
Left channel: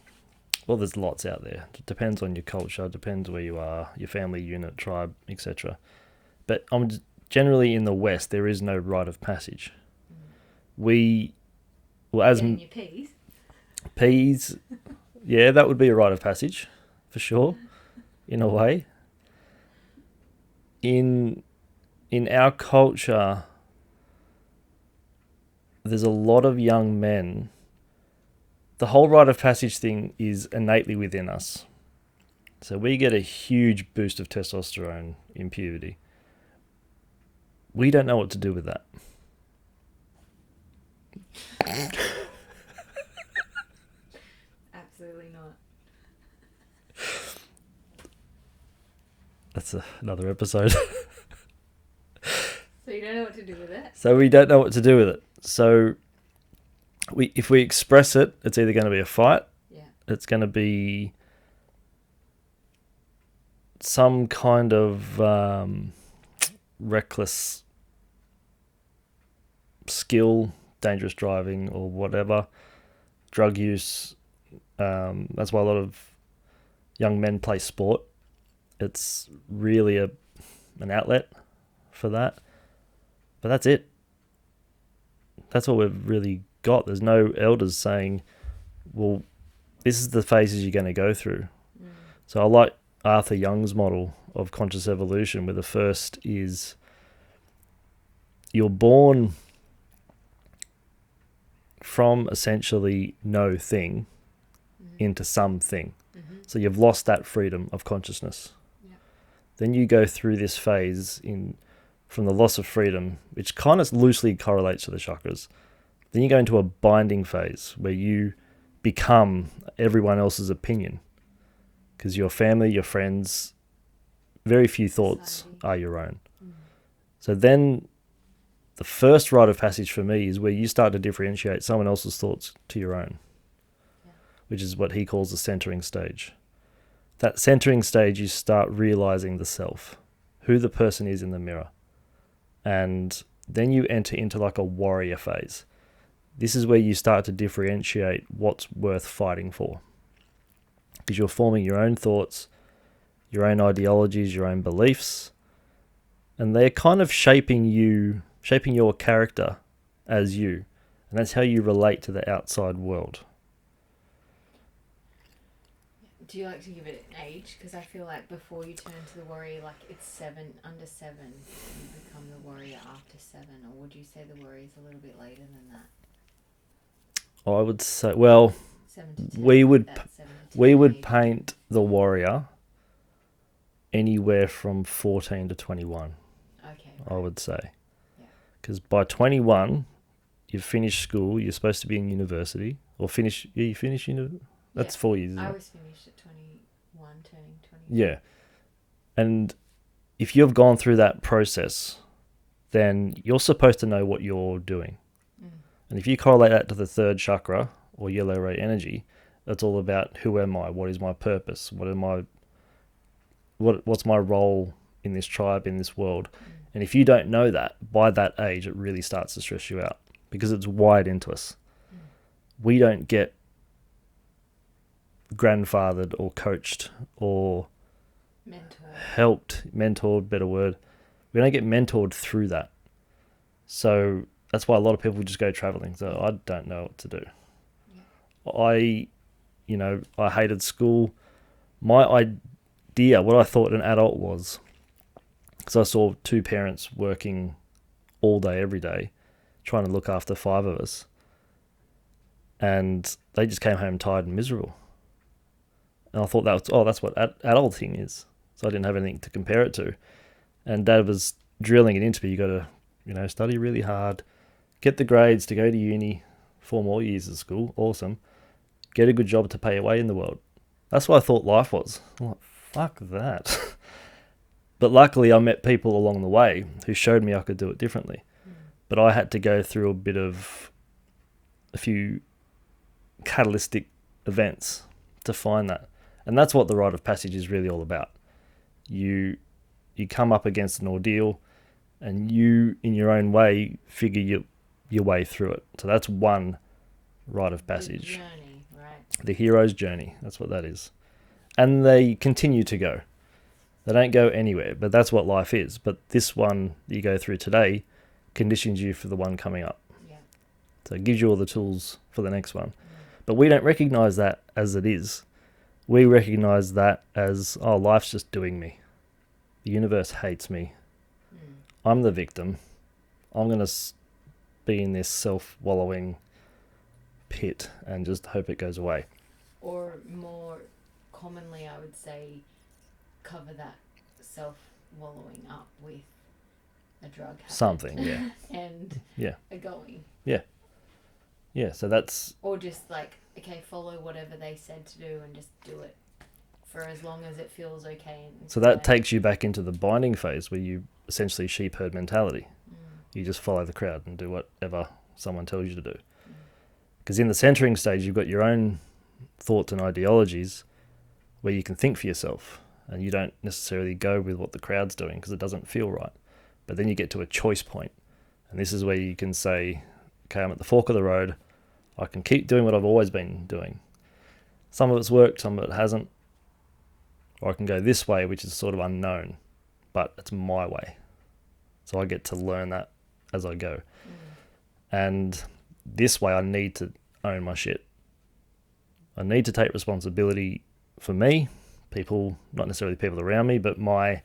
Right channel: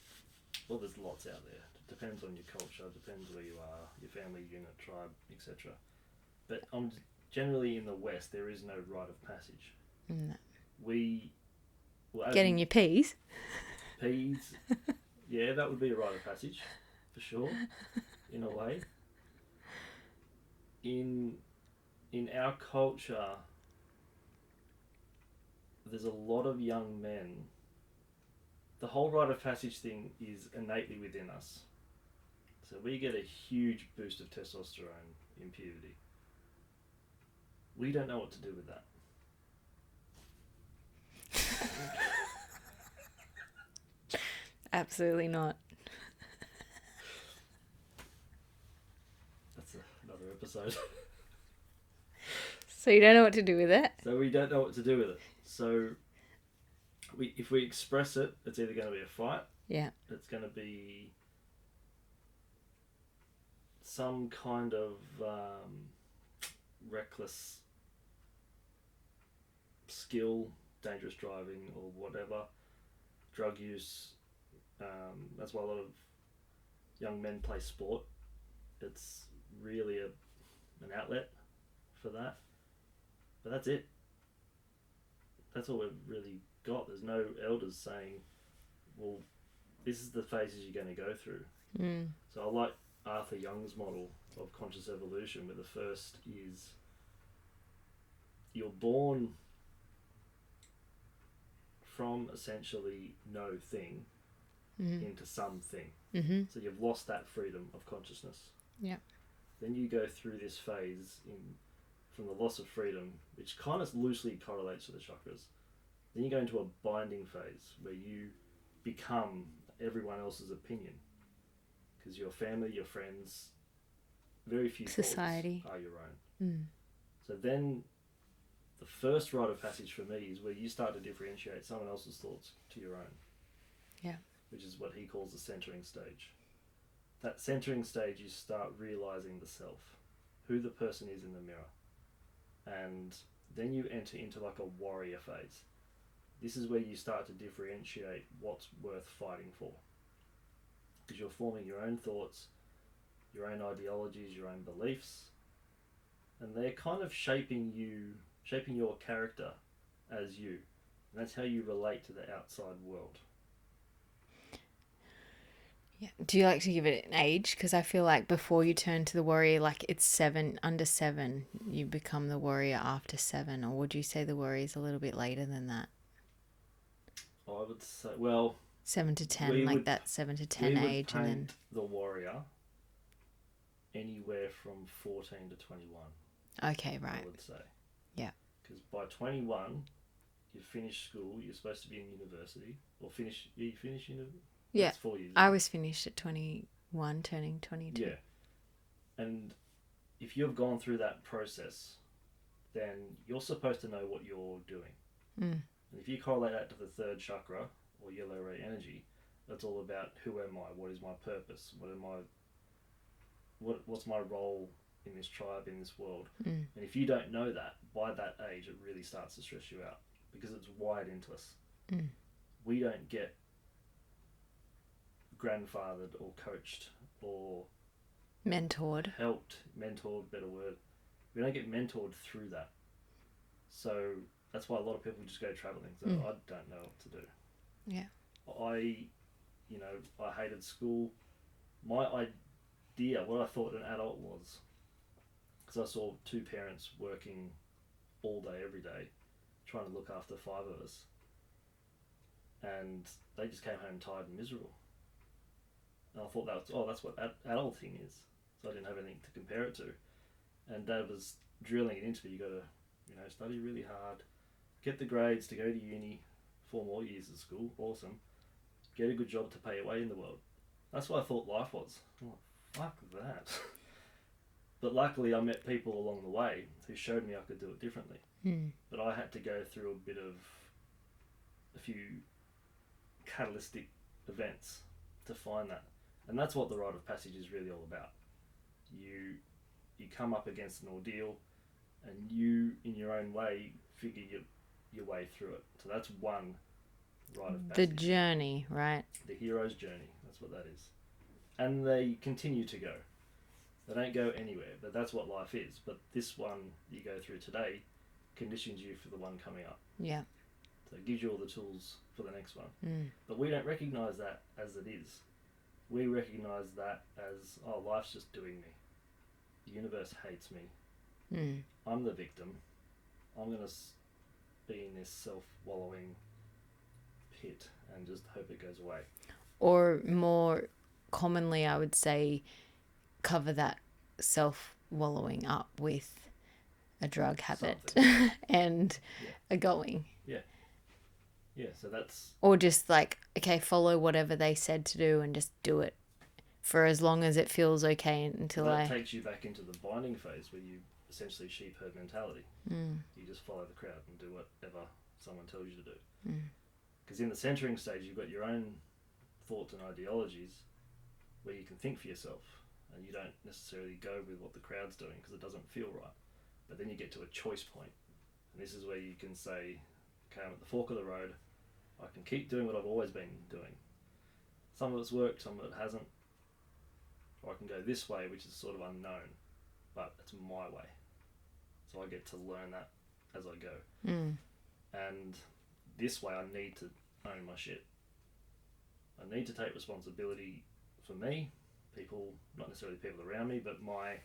Well, there's lots out there. It depends on your culture, depends where you are, your family unit, tribe, etc. But generally in the West, there is no rite of passage. Getting your peas. Peas, yeah, that would be a rite of passage, for sure, in a way. In our culture, there's a lot of young men. The whole rite of passage thing is innately within us. So we get a huge boost of testosterone in puberty. We don't know what to do with that. Absolutely not. That's another episode. So you don't know what to do with it? So we don't know what to do with it. So if we express it, it's either going to be a fight. Yeah. It's going to be some kind of reckless skill, dangerous driving or whatever, drug use. That's why a lot of young men play sport. It's really an outlet for that. But that's it. That's all we've really got. There's no elders saying, well, this is the phases you're going to go through. So I like Arthur Young's model of conscious evolution, where the first is you're born from essentially no thing into something. So you've lost that freedom of consciousness. Yeah. Then you go through this phase from the loss of freedom, which kind of loosely correlates to the chakras. Then you go into a binding phase where you become everyone else's opinion, because your family, your friends, very few thoughts are your own. So then the first rite of passage for me is where you start to differentiate someone else's thoughts to your own, which is what he calls the centering stage. That centering stage, you start realizing the self, who the person is in the mirror. And then you enter into like a warrior phase. This is where you start to differentiate what's worth fighting for, because you're forming your own thoughts, your own ideologies, your own beliefs, and they're kind of shaping your character as you. And that's how you relate to the outside world. Yeah. Do you like to give it an age? Because I feel like before you turn to the warrior, like it's 7, under 7, you become the warrior after 7. Or would you say the warrior is a little bit later than that? I would say, well, 7 to 10, we like would that 7 to 10 we age, would paint the warrior anywhere from 14 to 21. Okay, right. I would say. Yeah. Because by 21, you've finished school. You're supposed to be in university or finish. You finish That's 4 years. I was finished at 21, turning 22. Yeah, and if you've gone through that process, then you're supposed to know what you're doing. And if you correlate that to the third chakra or yellow ray energy, that's all about who am I? What is my purpose? What's my role in this tribe, in this world? And if you don't know that, by that age, it really starts to stress you out because it's wired into us. We don't get grandfathered or coached or mentored, better word. We don't get mentored through that. So that's why a lot of people just go traveling. So I don't know what to do. Yeah. I hated school. My idea, what I thought an adult was, because I saw 2 parents working all day, every day, trying to look after 5 of us. And they just came home tired and miserable. And I thought that's what adulting is. So I didn't have anything to compare it to. And Dad was drilling it into me. You got to, study really hard, get the grades to go to uni, 4 more years of school. Awesome. Get a good job to pay your way in the world. That's what I thought life was. I'm like, fuck that. But luckily I met people along the way who showed me I could do it differently. But I had to go through a few catalytic events to find that. And that's what the rite of passage is really all about. You come up against an ordeal and you, in your own way, figure your way through it. So that's one rite of passage. The journey, right? The hero's journey. That's what that is. And they continue to go. They don't go anywhere, but that's what life is. But this one you go through today conditions you for the one coming up. Yeah. So it gives you all the tools for the next one. But we don't recognize that as it is. We recognize that as, life's just doing me. The universe hates me. I'm the victim. I'm going to be in this self-wallowing pit and just hope it goes away. Or more commonly, I would say, cover that self-wallowing up with a drug habit. Something, yeah. And a going. Yeah. Yeah, so that's... Or just like, okay, follow whatever they said to do and just do it for as long as it feels okay. So that takes you back into the binding phase where you essentially sheep herd mentality. You just follow the crowd and do whatever someone tells you to do. Because in the centering stage, you've got your own thoughts and ideologies where you can think for yourself and you don't necessarily go with what the crowd's doing because it doesn't feel right. But then you get to a choice point, and this is where you can say, okay, I'm at the fork of the road. I can keep doing what I've always been doing. Some of it's worked, some of it hasn't. Or I can go this way, which is sort of unknown, but it's my way. So I get to learn that as I go. And this way I need to own my shit. I need to take responsibility for me, people, not necessarily people around me, but I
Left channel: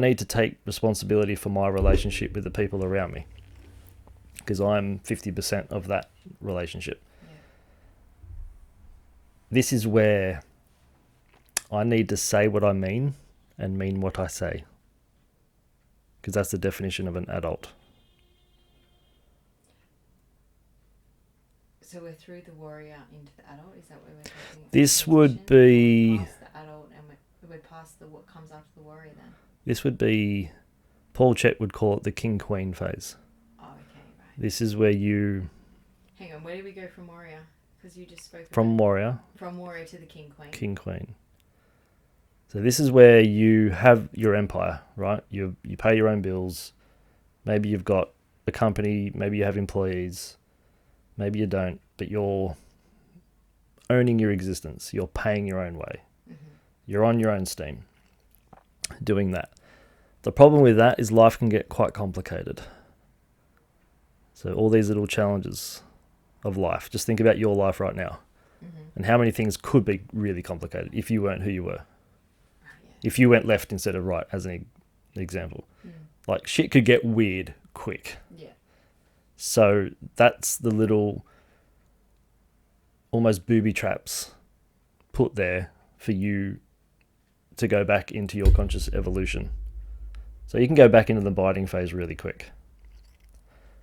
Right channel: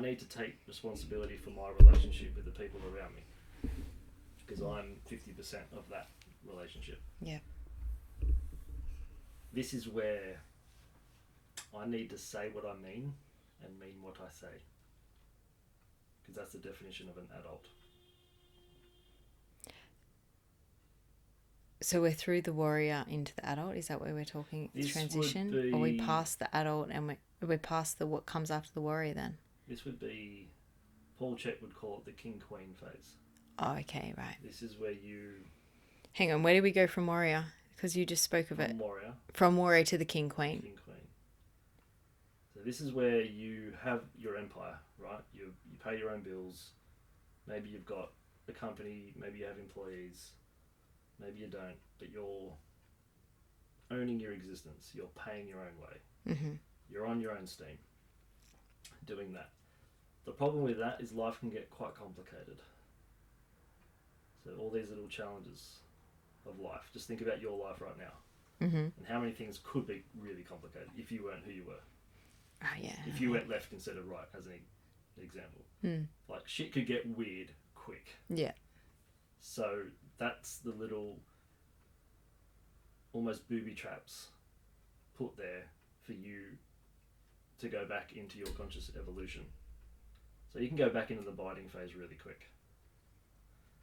need to take responsibility for my relationship with the people around me. Because I'm 50% of that relationship. Yeah. This is where I need to say what I mean and mean what I say. Because that's the definition of an adult. So we're through the warrior into the adult? Is that where we're talking? This transition? would be... Or we're past the adult and we're past what comes after the warrior then? This would be... Paul Chet would call it the king-queen phase. Oh, okay, right. This is where you... Hang on, where do we go from warrior? Because you just spoke about... From warrior. From warrior to the king-queen. King-queen. So this is where you have your empire, right? You pay your own bills. Maybe you've got a company. Maybe you have employees. Maybe you don't. But you're owning your existence. You're paying your own way. Mm-hmm. You're on your own steam doing that. The problem with that is life can get quite complicated. So all these little challenges of life. Just think about your life right now. Mm-hmm. And how many things could be really complicated if you weren't who you were. Oh, yeah. If you went left instead of right, as an example. Like, shit could get weird quick. Yeah. So that's the little almost booby traps put there for you to go back into your conscious evolution. So you can go back into the biting phase really quick.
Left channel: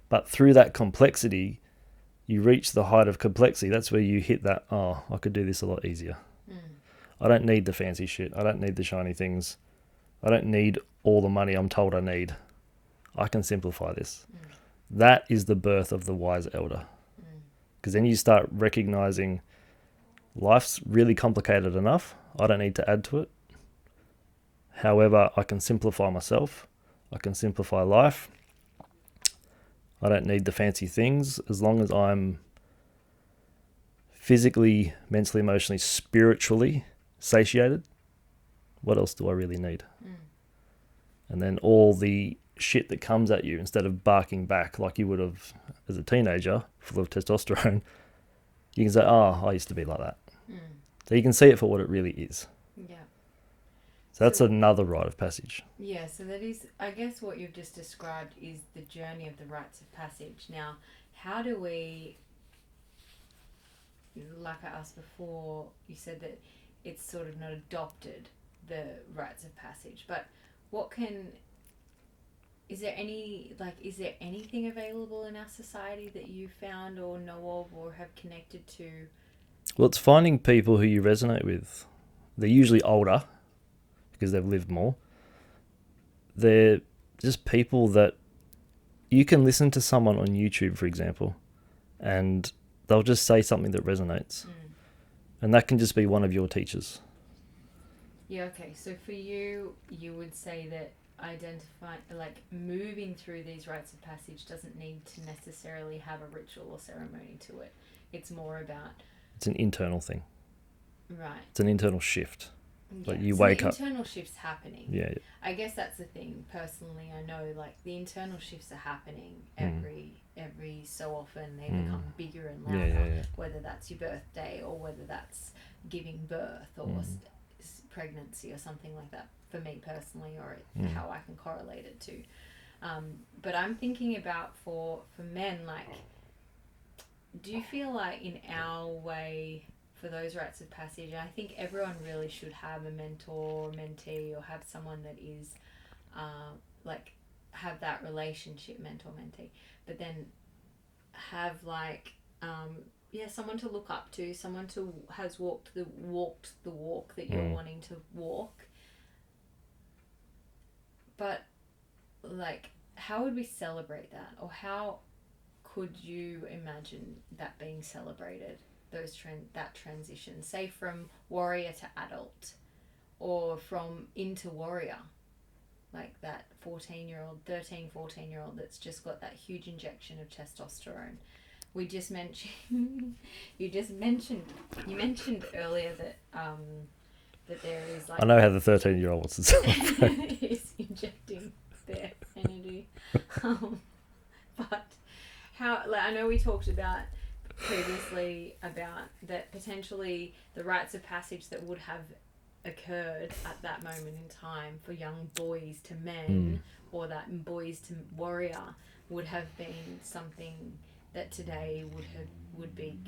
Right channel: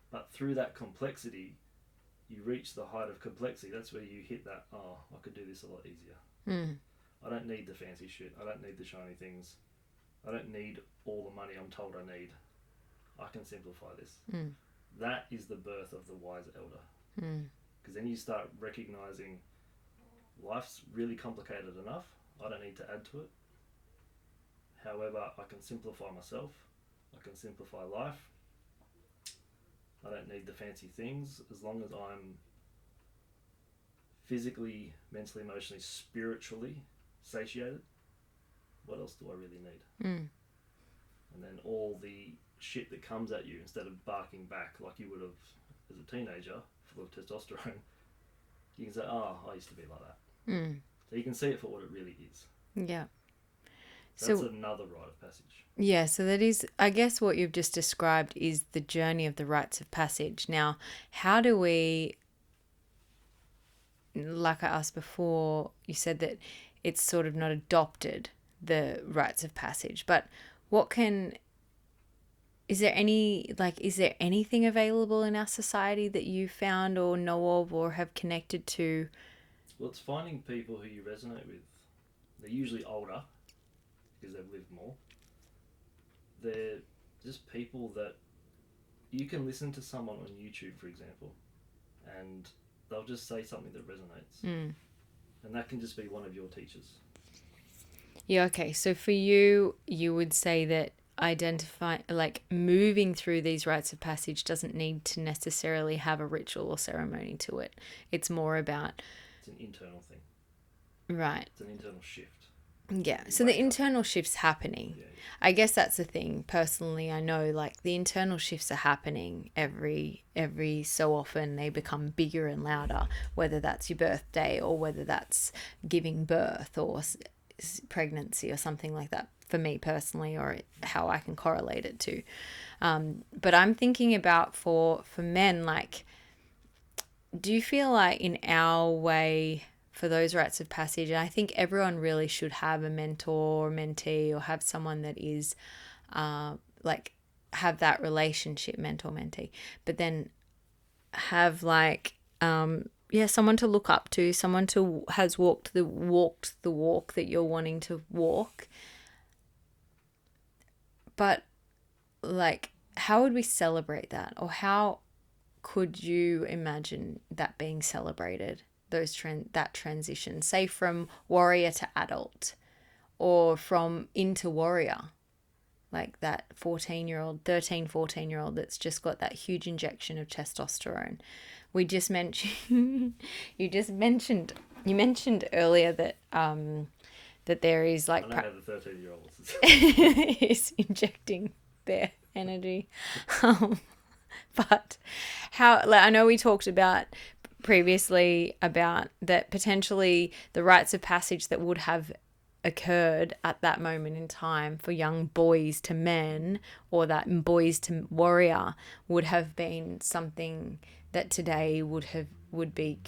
But through that complexity, you reach the height of complexity. That's where you hit that, oh, I could do this a lot easier. I don't need the fancy shit. I don't need the shiny things. I don't need all the money I'm told I need. I can simplify this. That is the birth of the wise elder. Because then you start recognizing life's really complicated enough. I don't need to add to it. However, I can simplify myself. I can simplify life. I don't need the fancy things as long as I'm physically, mentally, emotionally, spiritually satiated. What else do I really need? And then all the shit that comes at you, instead of barking back like you would have as a teenager, full of testosterone, you can say, oh, I used to be like that. So you can see it for what it really is. Yeah. So that's another rite of passage. Yeah, so that is, I guess what you've just described is the journey of the rites of passage. Now, how do we, like I asked before, you said that it's sort of not adopted, the rites of passage, but is there anything available in our society that you found or know of or have connected to? Well, it's finding people who you resonate with. They're usually older because they've lived more. They're just people that you can listen to someone on YouTube, for example, and they'll just say something that resonates. And that can just be one of your teachers. Yeah, okay. So for you, you would say that moving through these rites of passage doesn't need to necessarily have a ritual or ceremony to it. It's more about... It's an internal thing. Right. It's an internal shift. Yeah, so the internal shift's happening. Yeah. I guess that's the thing. Personally, I know like the internal shifts are happening every so often. They become bigger and louder, whether that's your birthday or whether that's giving birth or pregnancy or something like that, for me personally, or how I can correlate it to. But I'm thinking about for men, like, do you feel like in our way... for those rites of passage, and I think everyone really should have a mentor or mentee or have someone that is have that relationship, mentor-mentee, but then have someone to look up to, someone to has walked the walk that you're wanting to walk. But like, how would we celebrate that, or how could you imagine that being celebrated? That transition, say from warrior to adult, or from into warrior, like that 14-year-old that's just got that huge injection of testosterone. We just mentioned you mentioned earlier that that there is like, I know how the 13-year-old wants to say is injecting their energy, but how, like, I know we talked about previously about that potentially the rites of passage that would have occurred at that moment in time for young boys to men, or that boys to warrior, would have been something that today would be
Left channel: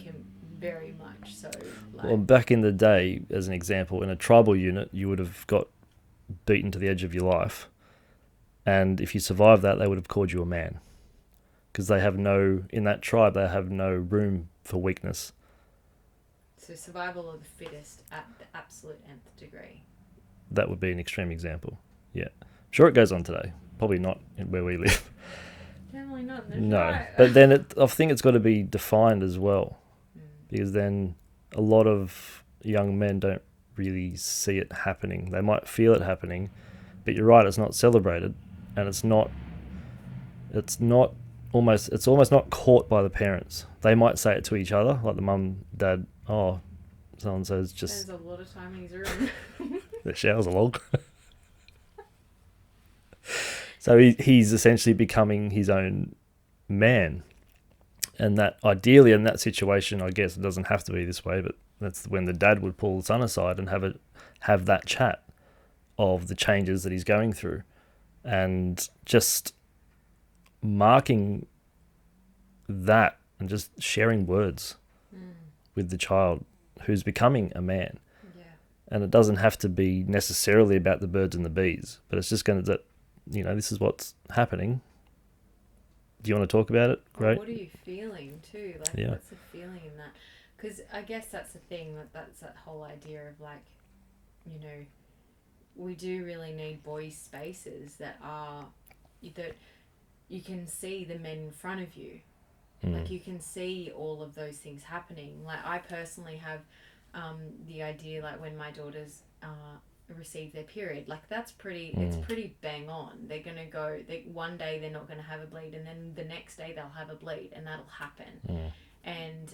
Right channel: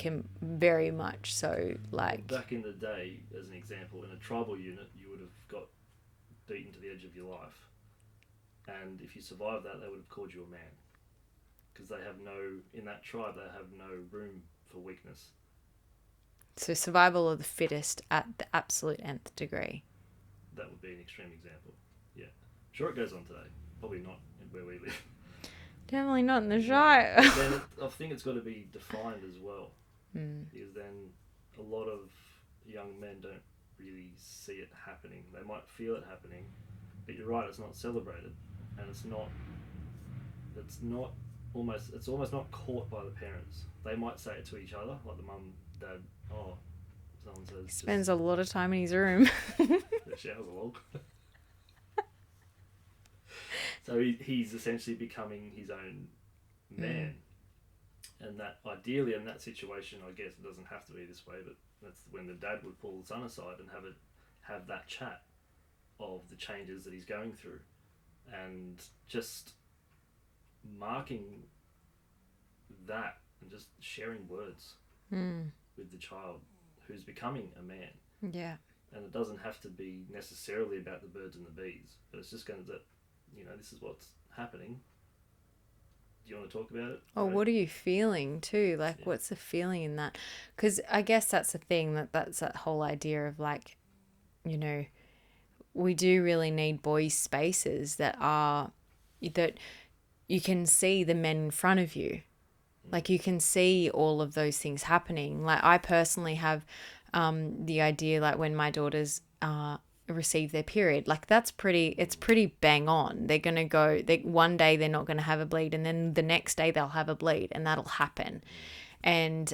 very much so. Like, well, back in the day, as an example, in a tribal unit, you would have got beaten to the edge of your life, and if you survived that, they would have called you a man. Because in that tribe, they have no room for weakness. So survival of the fittest at the absolute nth degree. That would be an extreme example. Yeah. Sure, it goes on today. Probably not where we live. Definitely not in the No. show. But then I think it's got to be defined as well. Because then a lot of young men don't really see it happening. They might feel it happening, but you're right, it's not celebrated, and it's almost not caught by the parents. They might say it to each other, like the mum, dad, oh, so-and-so's just... spends a lot of time in his room. The shower's a log. So he's essentially becoming his own man. And that ideally in that situation, I guess it doesn't have to be this way, but that's when the dad would pull the son aside and have that chat of the changes that he's going through, and just marking that and just sharing words with the child who's becoming a man. Yeah. And it doesn't have to be necessarily about the birds and the bees, but it's just going to, this is what's happening. Do you want to talk about it? Or what are you feeling too? Like, Yeah. what's the feeling in that? Because I guess that's the thing, that's that whole idea of like, we do really need boys' spaces that you can see the men in front of you. Like, you can see all of those things happening. Like, I personally have the idea, like, when my daughters receive their period, like, that's it's pretty bang on. They're going to go, one day they're not going to have a bleed, and then the next day they'll have a bleed, and that'll happen. And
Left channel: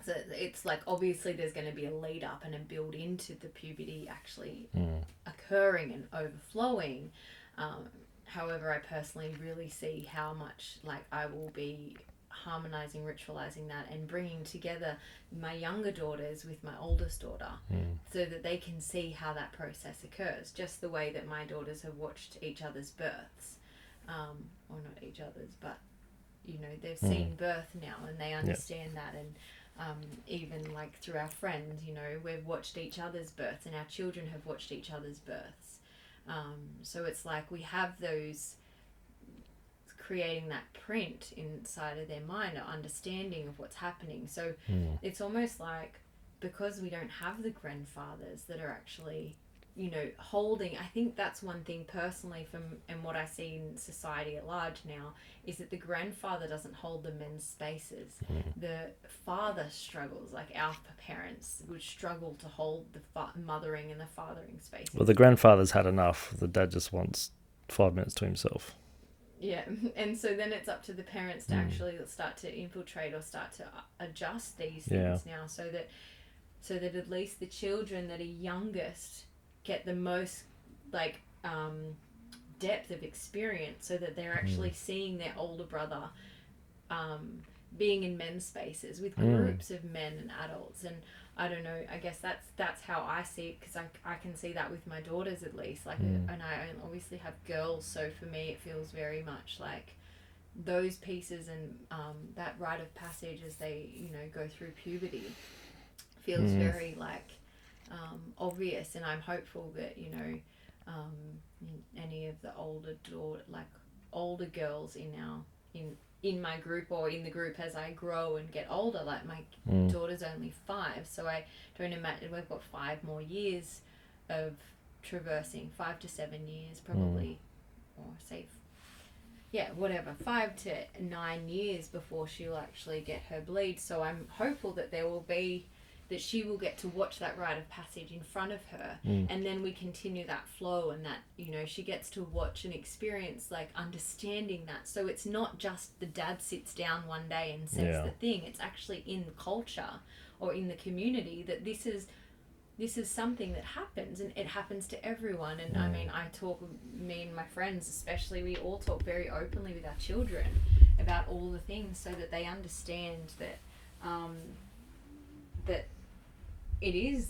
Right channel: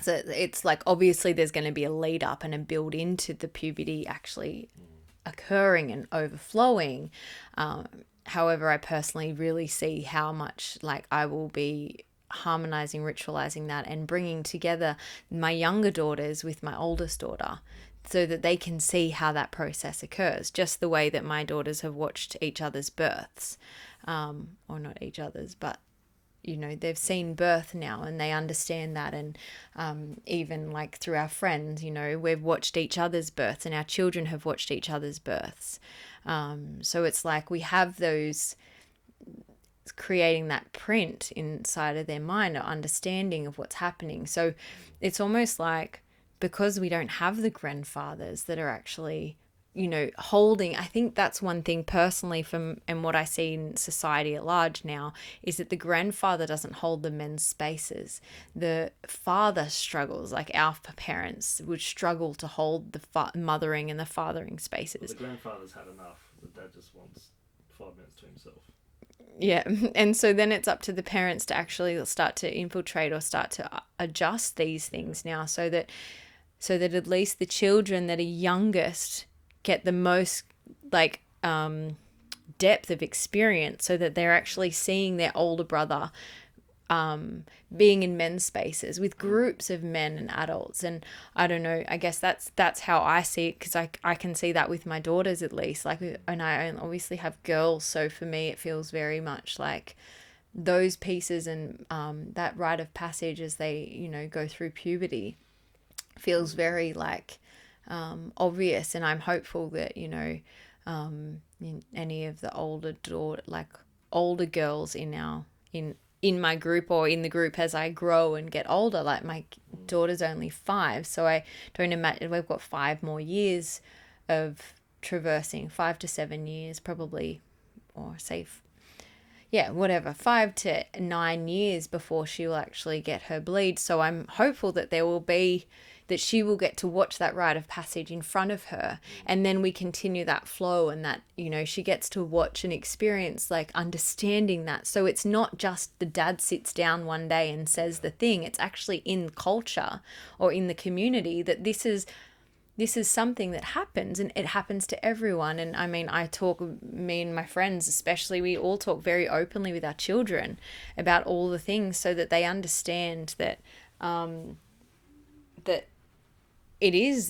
so it's like, obviously there's going to be a lead up and a build into the puberty actually occurring and overflowing. However, I personally really see how much, like, I will be harmonizing, ritualizing that, and bringing together my younger daughters with my oldest daughter so that they can see how that process occurs, just the way that my daughters have watched each other's births, or not each other's, but they've seen birth now, and they understand that. And even like through our friends, we've watched each other's births, and our children have watched each other's births. So it's like we have those, creating that print inside of their mind, or understanding of what's happening. So it's almost like, because we don't have the grandfathers that are actually, holding, I think that's one thing personally and what I see in society at large now, is that the grandfather doesn't hold the men's spaces. The father struggles, like our parents would struggle to hold the mothering and the fathering spaces. Well, the grandfather's had enough. The dad just wants 5 minutes to himself. Yeah. And so then it's up to the parents to actually start to infiltrate or start to adjust these things now, so that at least the children that are youngest get the most, like, depth of experience, so that they're actually seeing their older brother being in men's spaces with groups of men and adults. And I don't know, I guess that's how I see it, because I can see that with my daughters at least, like, and I obviously have girls, so for me it feels very much like those pieces, and that rite of passage as they go through puberty feels very like obvious. And I'm hopeful that any of the older girls in my group, or in the group as I grow and get older, like my daughter's only 5, so I don't imagine, we've got 5 more years of traversing, 5 to 7 years probably, or say, 5 to 9 years before she will actually get her bleed. So I'm hopeful that that she will get to watch that rite of passage in front of her, and then we continue that flow, and that she gets to watch and experience, like, understanding that. So it's not just the dad sits down one day and says the thing. It's actually in culture or in the community that this is something that happens, and it happens to everyone. And I mean, me and my friends especially, we all talk very openly with our children about all the things, so that they understand that that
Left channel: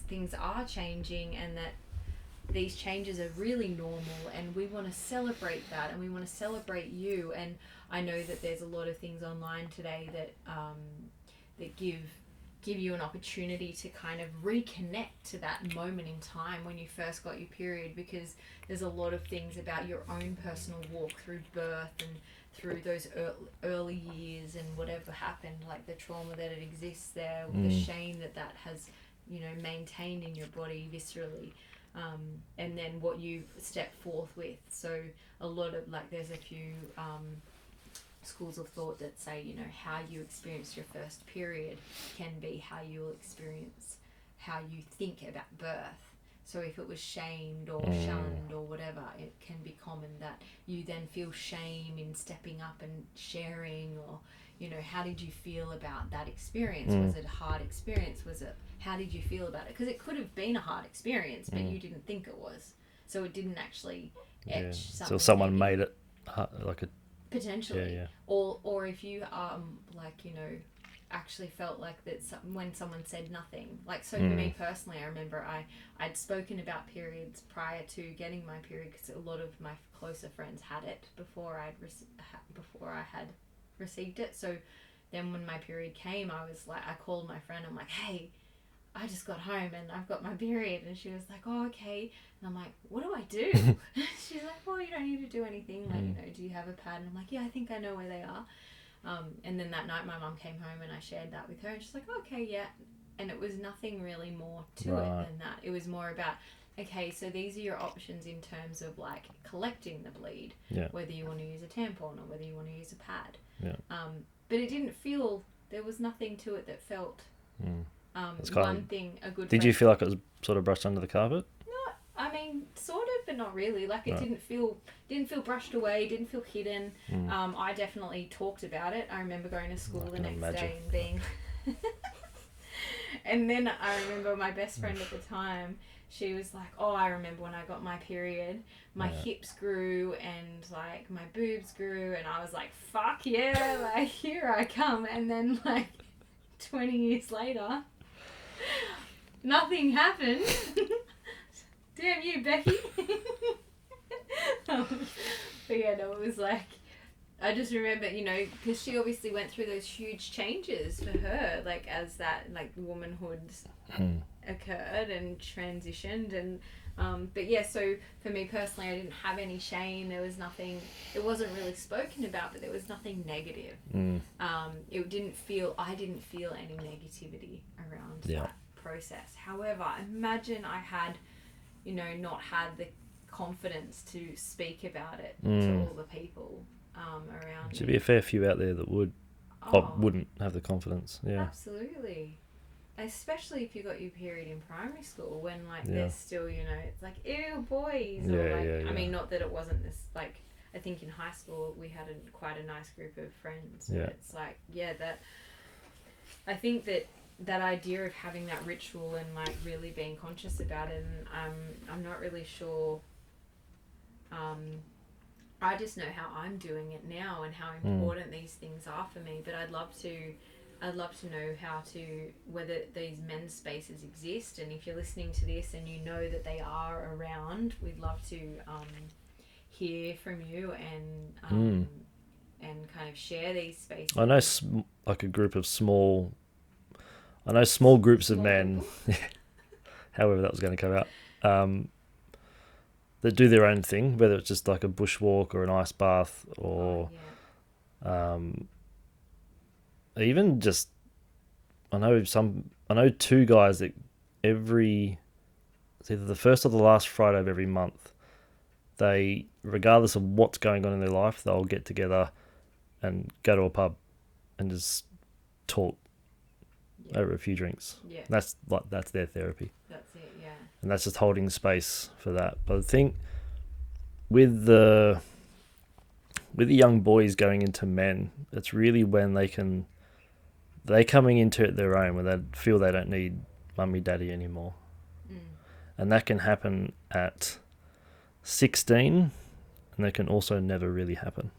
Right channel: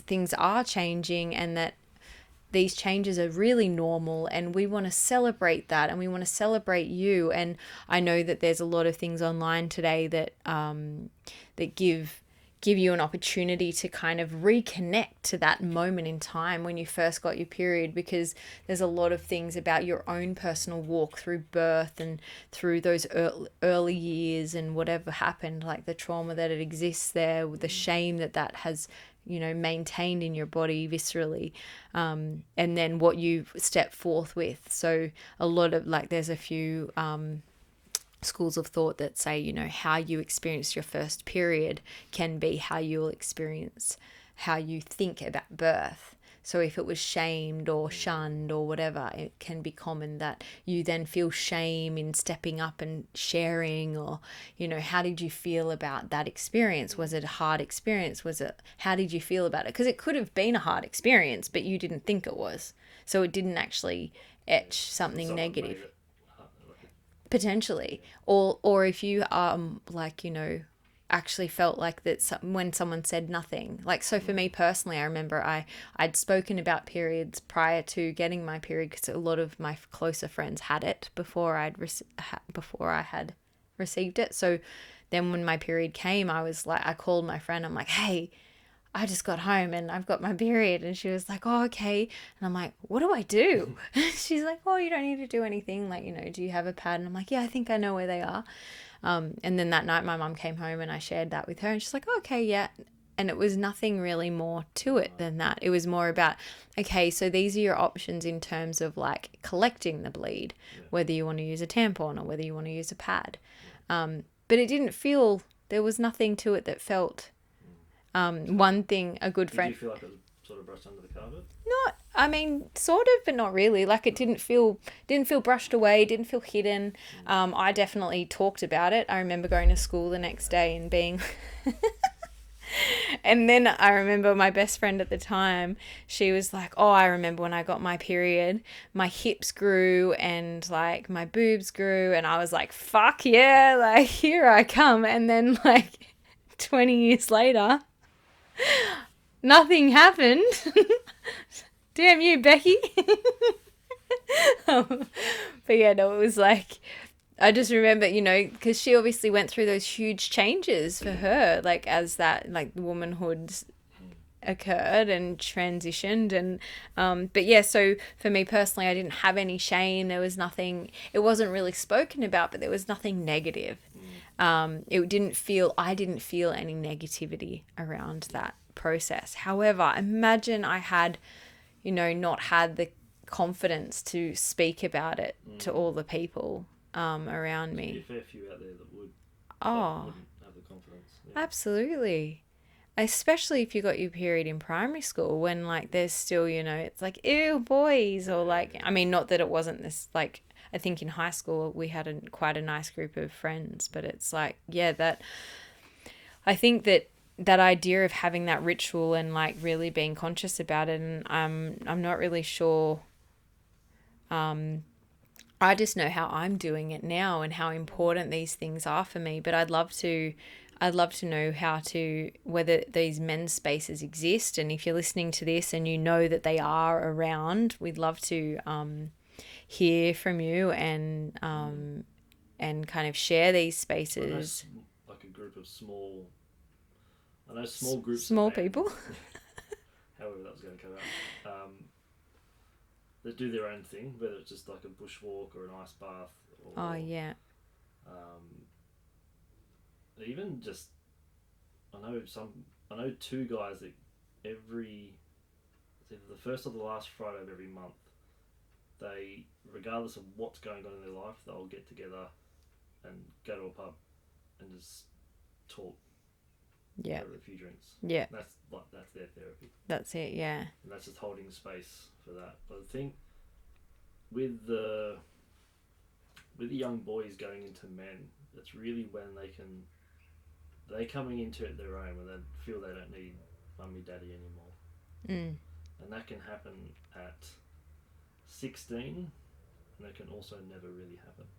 things are changing, and that these changes are really normal, and we want to celebrate that, and we want to celebrate you. And I know that there's a lot of things online today that that give you an opportunity to kind of reconnect to that moment in time when you first got your period, because there's a lot of things about your own personal walk through birth and through those early years, and whatever happened, like the trauma that it exists there, the shame that has maintained in your body viscerally, and then what you step forth with. So a lot of, like, there's a few schools of thought that say, how you experience your first period can be how you will experience how you think about birth. So if it was shamed or shunned or whatever, it can be common that you then feel shame in stepping up and sharing, or, how did you feel about that experience? Was it a hard experience? How did you feel about it? Because it could have been a hard experience, but you didn't think it was. So it didn't actually etch something so someone negative. made it like a potentially. Yeah. Or if you like, you know, actually felt like that when someone said nothing. Like, so for me personally, I remember I'd spoken about periods prior to getting my period, because a lot of my closer friends had it before before I had received it. So then when my period came, I was like, I called my friend, I'm like, hey, I just got home and I've got my period. And she was like, oh, okay. And I'm like, what do I do? She's like, oh, you don't need to do anything. Like, you know, do you have a pad? And I'm like, yeah, I think I know where they are. And then that night my mum came home and I shared that with her, and she's like, oh, okay, yeah. And it was nothing really more to it than that. It was more about, okay, so these are your options in terms of like collecting the bleed, whether you want to use a tampon or whether you want to use a pad. But it didn't feel, there was nothing to it that felt, one thing, a good friend. Did you feel like it was sort of brushed under the carpet? Not, I mean, sort of, but not really. Like, it didn't feel brushed away, didn't feel hidden. I definitely talked about it. I remember going to school the next day and being... And then I remember my best friend at the time, she was like, oh, I remember when I got my period, my hips grew and like my boobs grew, and I was like, fuck yeah, like here I come. And then like 20 years later, nothing happened. Damn you, Becky. But yeah, no, it was like, I just remember, you know, because she obviously went through those huge changes for her, like as that, like, womanhood occurred and transitioned. And, but yeah, so for me personally, I didn't have any shame. There was nothing, it wasn't really spoken about, but there was nothing negative. It didn't feel, I didn't feel any negativity around that process. However, imagine I had, you know, not had the confidence to speak about it to all the people around me. There'd be a fair few out there that wouldn't have the confidence. Yeah, absolutely. Especially if you got your period in primary school, when like there's still, you know, it's like, ew, boys, or like, I mean, not that it wasn't this, like, I think in high school we had quite a nice group of friends, but it's like, that I think that idea of having that ritual and like really being conscious about it, and I'm not really sure. I just know how I'm doing it now and how important these things are for me. But I'd love to know whether these men's spaces exist. And if you're listening to this and you know that they are around, we'd love to hear from you and kind of share these spaces. I know like a group of small groups of men, people. however that was going to come out, that do their own thing, whether it's just like a bushwalk or an ice bath, or even just, I know two guys that it's either the first or the last Friday of every month, they, regardless of what's going on in their life, they'll get together and go to a pub and just talk over a few drinks. Yeah. That's their therapy. That's it, yeah. And that's just holding space for that. But I think with the young boys going into men, it's really when they coming into it their own, when they feel they don't need mummy daddy anymore. And that can happen at 16, and that can also never really happen.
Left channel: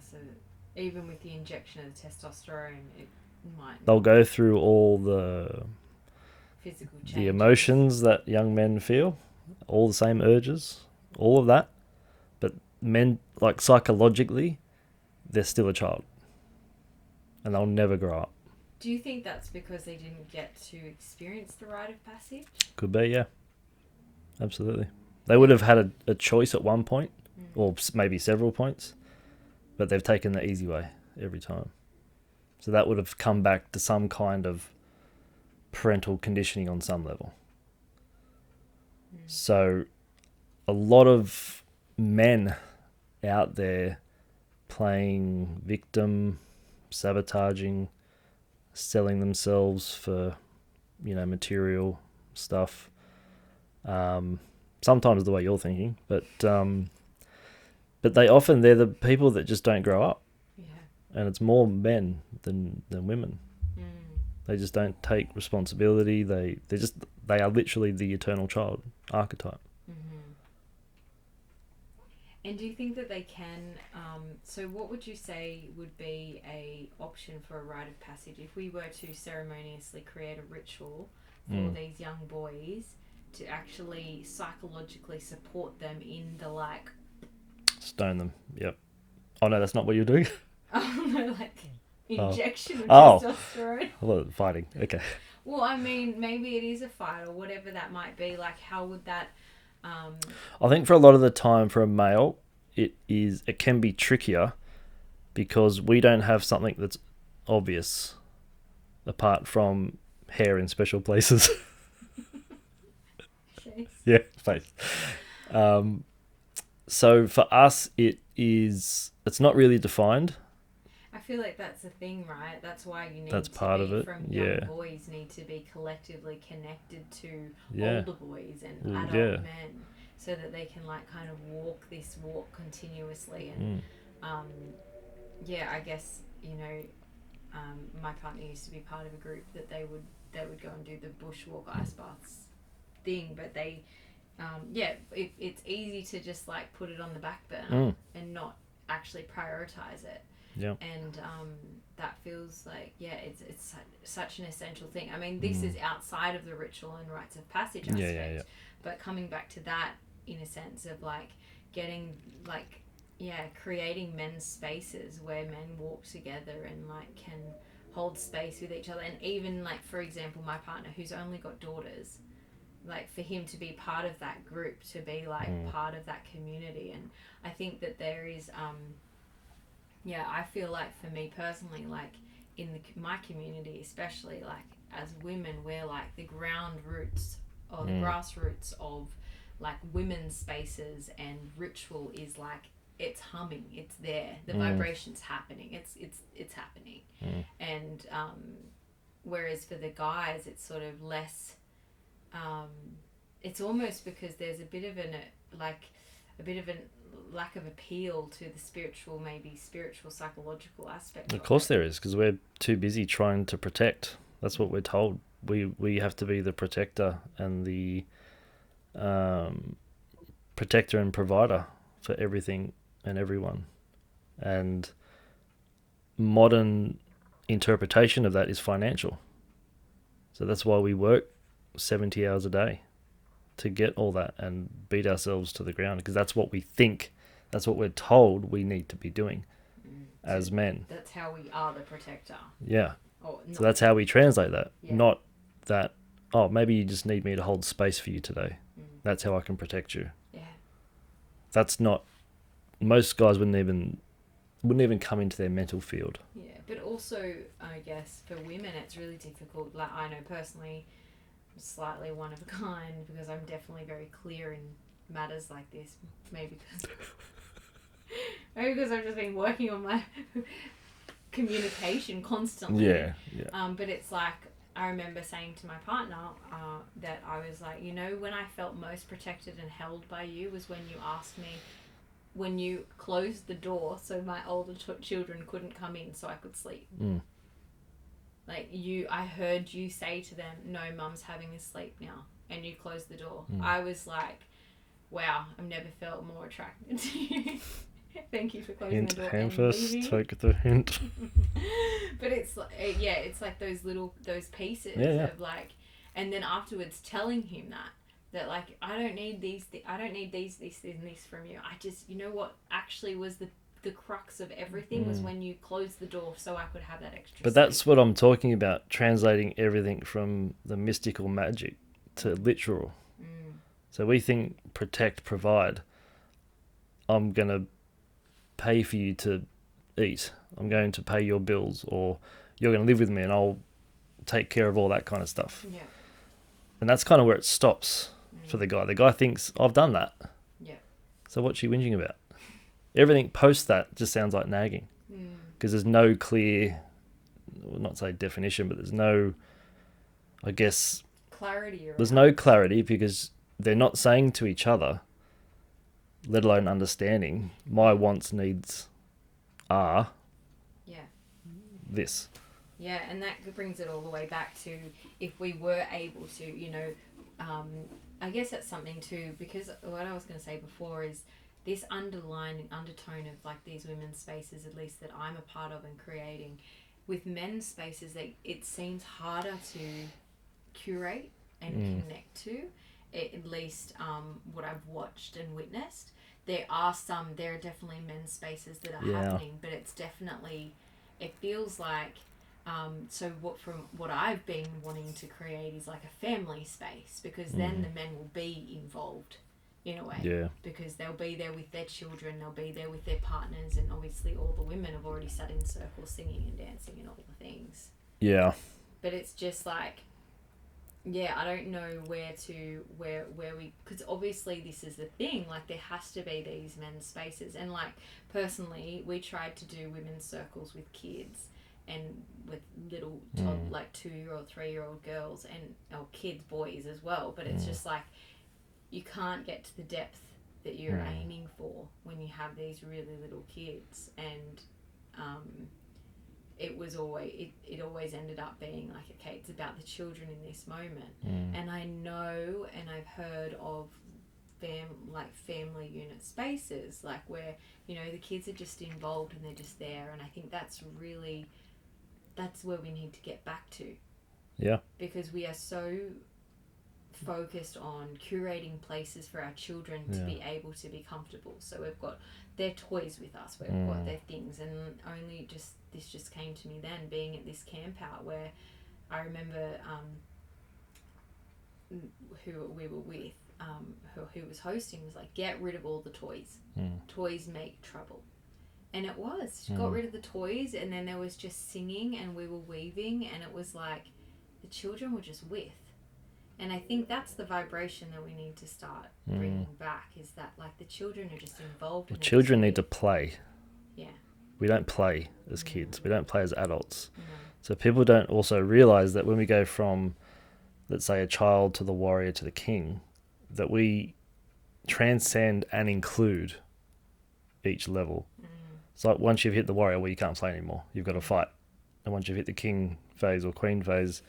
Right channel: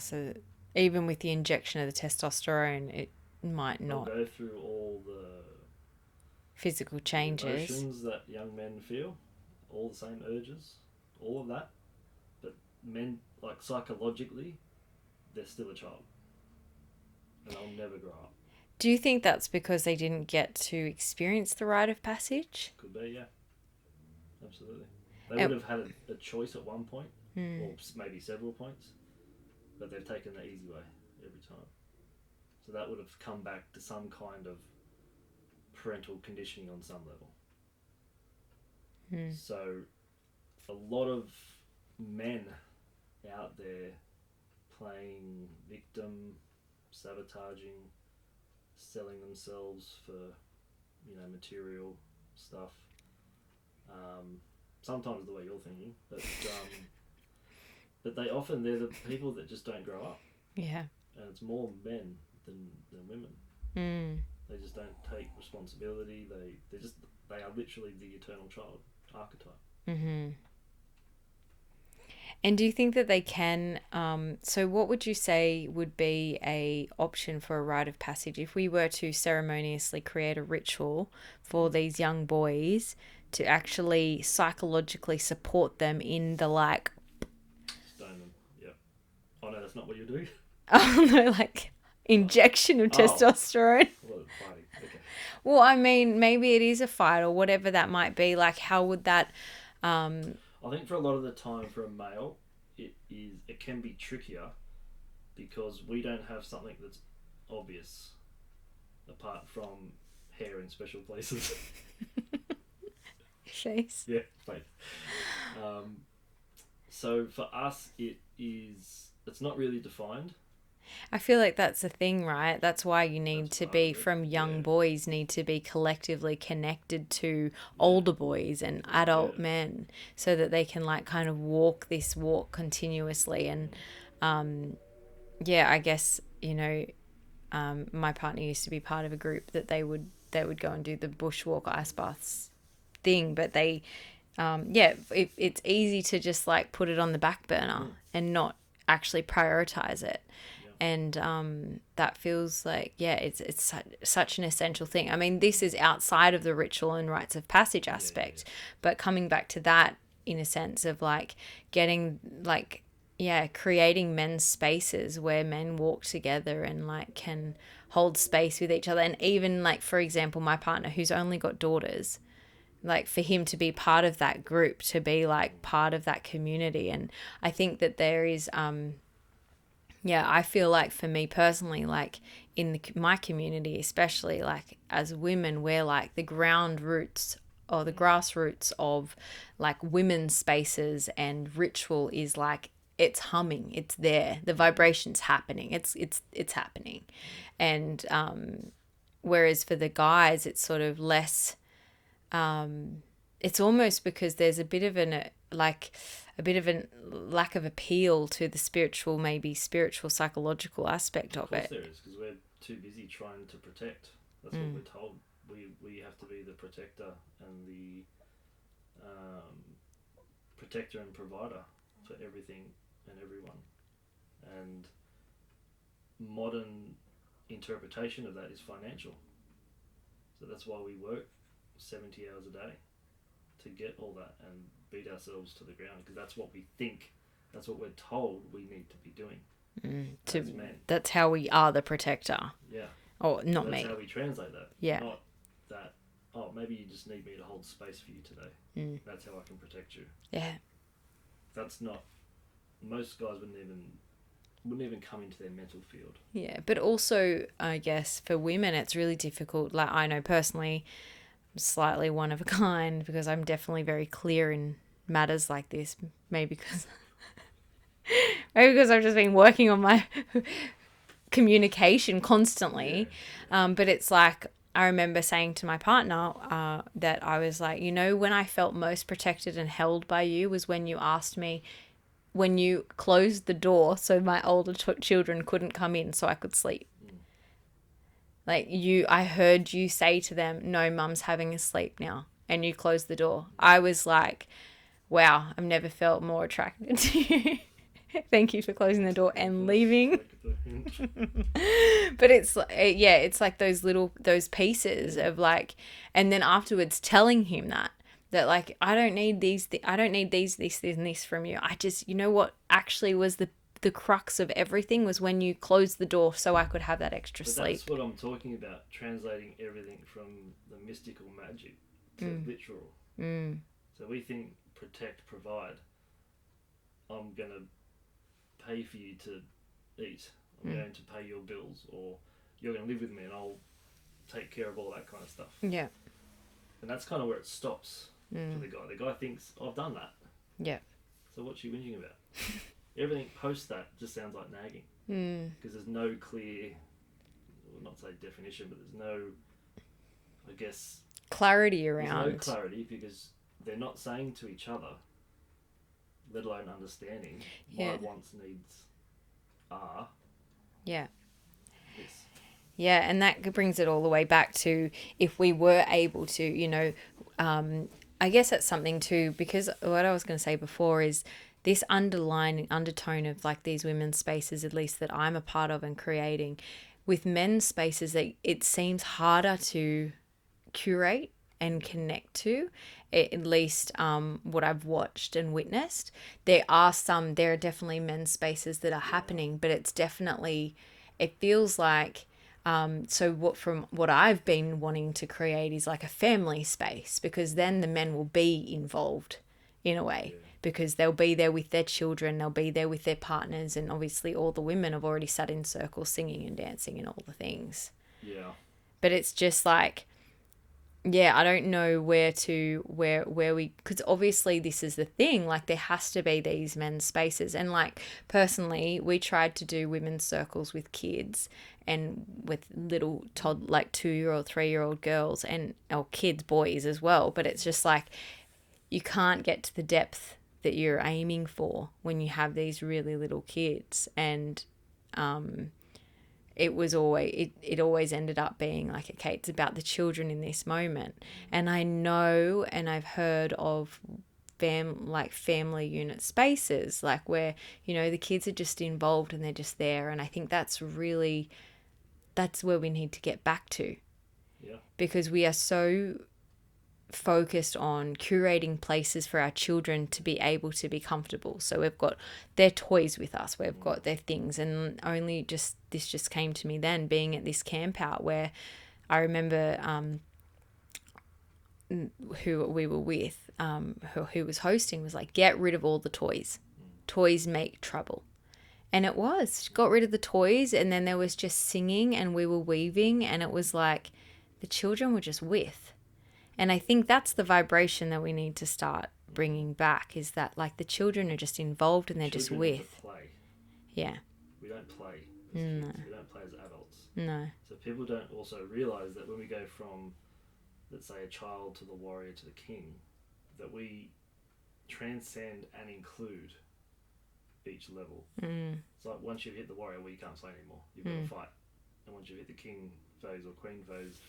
So even with the injection of the testosterone, it might not. They'll go through all the physical changes, the emotions that young men feel, all the same urges, all of that. But men, like, psychologically, they're still a child, and they'll never grow up. Do you think that's because they didn't get to experience the rite of passage? Could be, yeah. Absolutely. They would have had a choice at one point, or maybe several points, but they've taken the easy way every time. So that would have come back to some kind of parental conditioning on some level. So a lot of men out there playing victim, sabotaging, selling themselves for, you know, material stuff. Sometimes the way you're thinking, but they're the people that just don't grow up. Yeah. And it's more men than women. They just don't take responsibility. They are literally the eternal child archetype. And do you think that they can, so what would you say would be a option for a rite of passage if we were to ceremoniously create a ritual for these young boys to actually psychologically support them in the like... Stone them. Yep. Oh, no, that's not what you're doing? Oh, no, like injection of testosterone. Well, fighting. Okay. Well, I mean, maybe it is a fight or whatever that might be. Like, how would that... I think for a lot of the time for a male, it can be trickier because we don't have something that's obvious apart from hair in special places. Face. Yeah, face. So for us, it's not really defined. I feel like that's the thing, right? That's why you need to be, from young boys, need to be collectively connected to older boys and adult men so that they can like kind of walk this walk continuously. And I guess, you know, my partner used to be part of a group that they would go and do the bushwalk ice baths thing, but they it's easy to just like put it on the back burner and not actually prioritize it. Yeah. And that feels like it's such an essential thing. I mean, this is outside of the ritual and rites of passage aspect, but coming back to that in a sense of like getting like creating men's spaces where men walk together and like can hold space with each other. And even like, for example, my partner who's only got daughters, like for him to be part of that group, to be like part of that community. And I think that there is I feel like for me personally, like in my community, especially like as women, we're like the ground roots or the grassroots of like women's spaces, and ritual is like, it's humming, it's there, the vibration's happening, it's happening. And whereas for the guys, it's sort of less, it's almost because there's a bit of a lack of appeal to the spiritual psychological aspect of it. Of course there is, because we're too busy trying to protect. That's what we're told. We have to be the protector and the protector and provider for everything and everyone. And modern interpretation of that is financial. So that's why we work 70 hours a day to get all that and beat ourselves to the ground, because that's what we think, that's what we're told we need to be doing as men. That's how we are the protector. Yeah. Oh, not so that's me. how we translate that. Yeah. Not that, oh, maybe you just need me to hold space for you today. That's how I can protect you. Yeah. That's not, most guys wouldn't even come into their mental field. Yeah, but also I guess for women it's really difficult. Like I know personally, I'm slightly one of a kind because I'm definitely very clear in matters like this. Maybe because I've just been working on my communication constantly. Yeah. But it's like, I remember saying to my partner that I was like, you know, when I felt most protected and held by you was when you asked me, when you closed the door so my older children couldn't come in so I could sleep. Like I heard you say to them, no, mum's having a sleep now, and you closed the door. I was like, wow, I've never felt more attracted to you. Thank you for closing the door and leaving. Take the hint. But it's like those pieces of like, and then afterwards telling him that like, I don't need these, this and this from you. I just, you know what actually was the crux of everything was when you closed the door so I could have that extra sleep. But that's what I'm talking about, translating everything from the mystical magic to literal. So we think protect, provide. I'm going to pay for you to eat. I'm going to pay your bills, or you're going to live with me and I'll take care of all that kind of stuff. Yeah. And that's kind of where it stops for the guy. The guy thinks, I've done that. Yeah. So what's she whinging about? Everything post that just sounds like nagging. Because there's no clear, well, not say definition, but there's no, I guess... clarity around. There's no clarity because they're not saying to each other, let alone understanding, my wants, needs are this. Yeah, and that brings it all the way back to if we were able to, you know, I guess that's something too, because what I was going to say before is this underlying undertone of like these women's spaces, at least that I'm a part of and creating, with men's spaces, that it seems harder to curate and connect to. At least what I've watched and witnessed, there are definitely men's spaces that are happening, but it's definitely, it feels like, from what I've been wanting to create is like a family space, because then the men will be involved in a way, because they'll be there with their children, they'll be there with their partners, and obviously all the women have already sat in circles singing and dancing and all the things. Yeah. But it's just like, yeah, I don't know where we, because obviously this is the thing, like there has to be these men's spaces. And like personally, we tried to do women's circles with kids and with little like 2-year-old 3-year-old girls, and our kids, boys as well, but it's just like you can't get to the depth that you're aiming for when you have these really little kids. And it was always, it always ended up being like, okay, it's about the children in this moment. And I know, and I've heard of family unit spaces, like where, you know, the kids are just involved and they're just there. And I think that's where we need to get back to. Yeah. Because we are so focused on curating places for our children to be able to be comfortable. So we've got their toys with us, we've got their things, and this just came to me then, being at this camp out, where I remember who we were with, who was hosting, was like, get rid of all the toys. Toys make trouble. And it was. She got rid of the toys, and then there was just singing, and we were weaving, and it was like the children were just with. And I think that's the vibration that we need to start bringing back, is that like the children are just involved, and they're just children need to play. Yeah. We don't play as kids. No. We don't play as adults. No. So people don't also realize that when we go from, let's say, a child to the warrior to the king, that we transcend and include each level. It's like once you've hit the warrior, well, you can't play anymore. You've got to fight. And once you've hit the king phase or queen phase,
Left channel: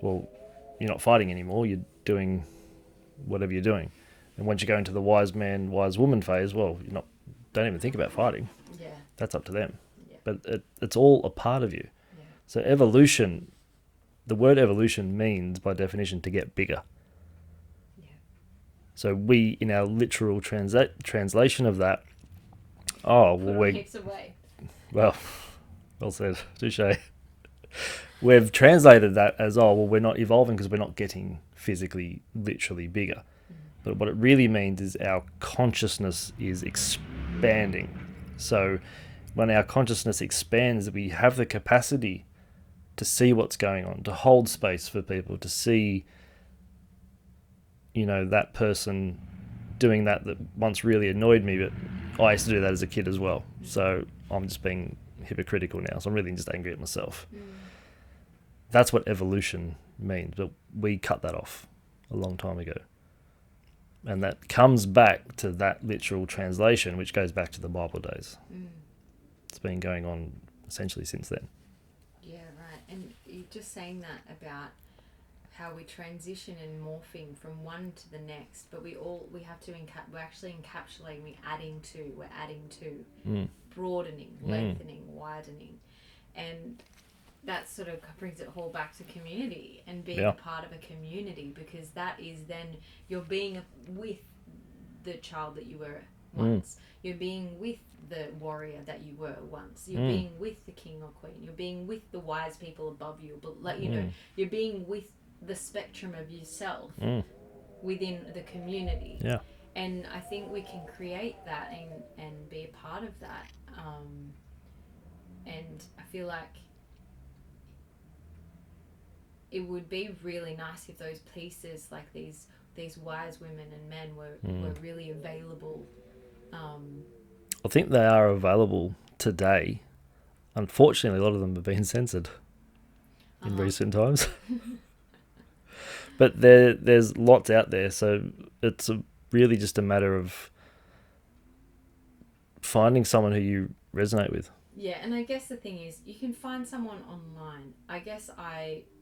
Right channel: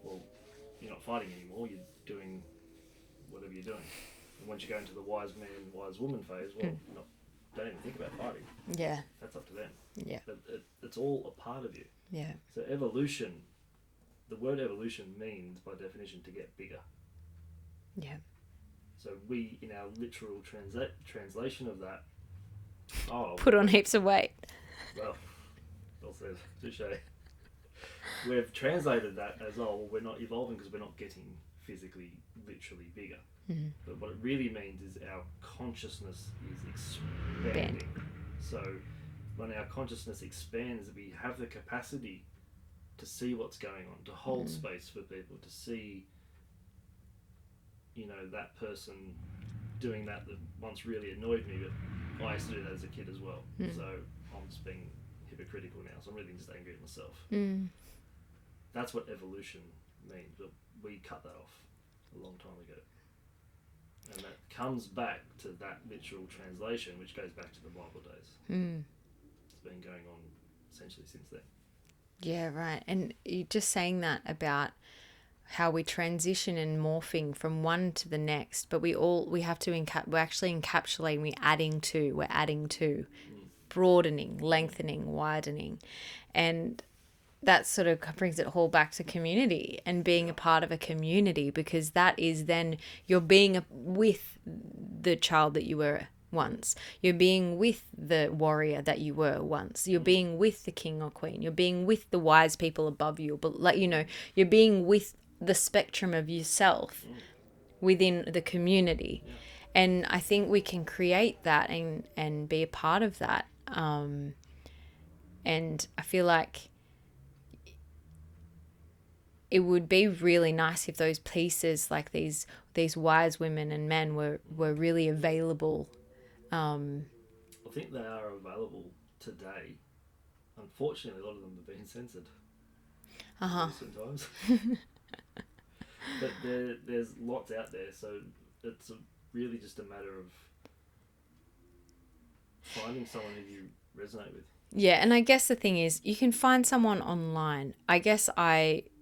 well, you're not fighting anymore. You're doing whatever you're doing. And once you go into the wise man, wise woman phase, well, don't even think about fighting. Yeah. That's up to them. Yeah. But it's all a part of you. Yeah. So evolution, the word evolution means by definition to get bigger. Yeah. So we, in our literal translation of that, put on heaps of weight. Well said, touche. We've translated that as, we're not evolving because we're not getting physically, literally bigger. But what it really means is our consciousness is expanding. So when our consciousness expands, we have the capacity to see what's going on, to hold space for people, to see, that person doing that once really annoyed me, but I used to do that as a kid as well. So I'm just being hypocritical now. So I'm really just angry at myself. That's what evolution means, but we cut that off a long time ago. And that comes back to that literal translation, which goes back to the Bible days. It's been going on essentially since then. Yeah, right. And you're just saying that about how we transition and morphing from one to the next, but we have to we're actually encapsulating, we're adding to, broadening, lengthening, widening. And that sort of brings it all back to community and being a part of a community, because that is then you're being with the child that you were once. You're being with the warrior that you were once. You're being with the king or queen. You're being with the wise people above you. But you're being with the spectrum of yourself within the community. Yeah. And I think we can create that and be a part of that. And I feel like it would be really nice if those pieces, like these wise women and men, were really available. I think they are available today. Unfortunately, a lot of them have been censored in recent times. But there's lots out there, so it's really just a matter of finding someone who you resonate with. Yeah, and I guess the thing is, you can find someone online. I guess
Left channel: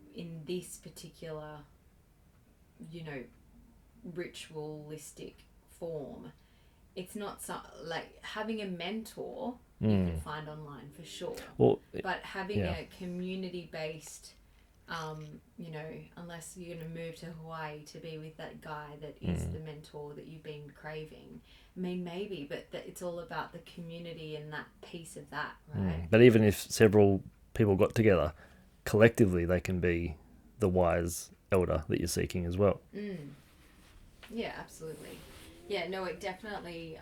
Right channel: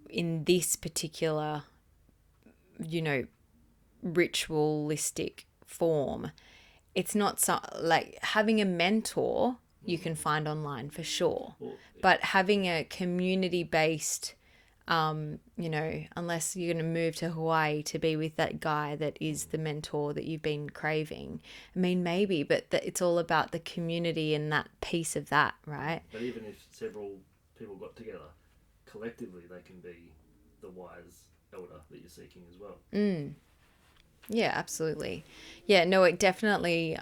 in this particular, ritualistic form, it's not so like having a mentor you can find online for sure. Well, But having a community-based, unless you're going to move to Hawaii to be with that guy that is the mentor that you've been craving. I mean, maybe, but it's all about the community and that piece of that, right? But even if several people got together, collectively they can be the wise elder that you're seeking as well. Yeah, absolutely. Yeah, no, it definitely,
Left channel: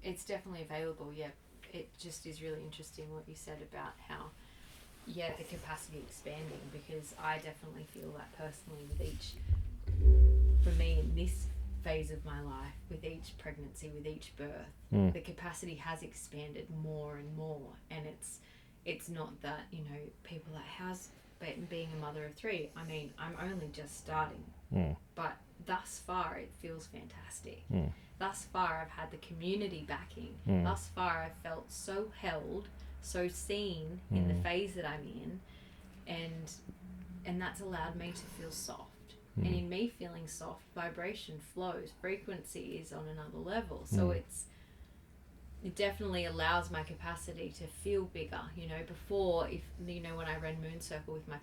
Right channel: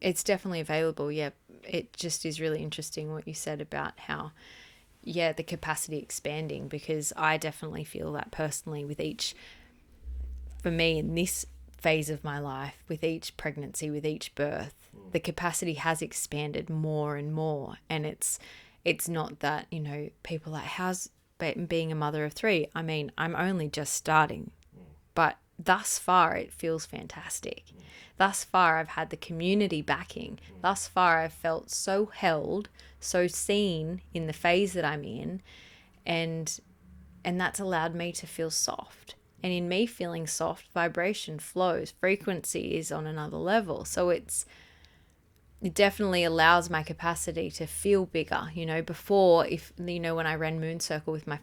it's definitely available. Yeah, it just is really interesting what you said about how, the capacity expanding, because I definitely feel that personally with for me in this phase of my life, with each pregnancy, with each birth, the capacity has expanded more and more. And it's not that, people are like, how's being a mother of 3? I mean, I'm only just starting, but thus far it feels fantastic. Thus far I've had the community backing. Thus far I've felt so held, so seen in the phase that I'm in, and that's allowed me to feel soft. And in me feeling soft, vibration flows, frequency is on another level. So it definitely allows my capacity to feel bigger. Before, when I ran Moon Circle with my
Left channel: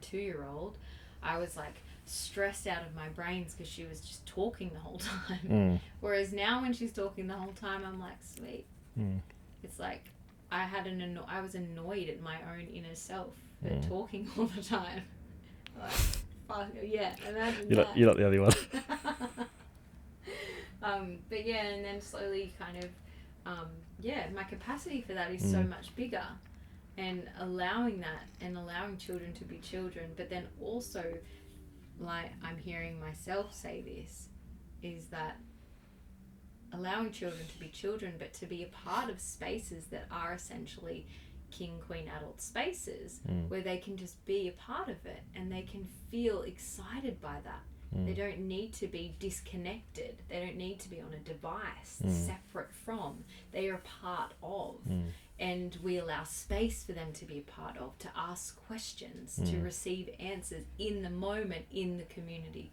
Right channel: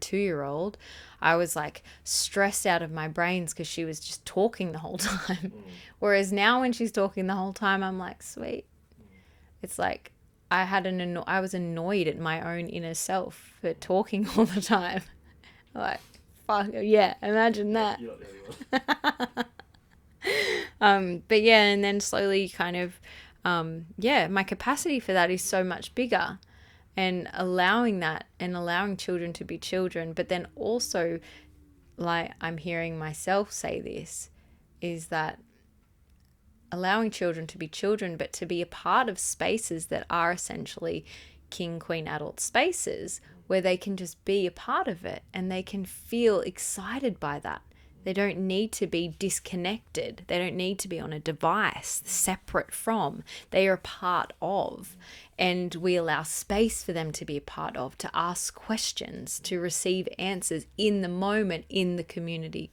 2-year-old, I was like stressed out of my brains because she was just talking the whole time. Whereas now when she's talking the whole time, I'm like, sweet. It's like I was annoyed at my own inner self for talking all the time. Like, fuck yeah, imagine that. You're not the only one. But yeah, and then slowly kind of, my capacity for that is so much bigger. And allowing that, and allowing children to be children, but then also, like I'm hearing myself say this, is that allowing children to be children, but to be a part of spaces that are essentially king, queen, adult spaces, where they can just be a part of it and they can feel excited by that. They don't need to be disconnected. They don't need to be on a device separate from. They are a part of. And we allow space for them to be a part of, to ask questions, to receive answers in the moment, in the community.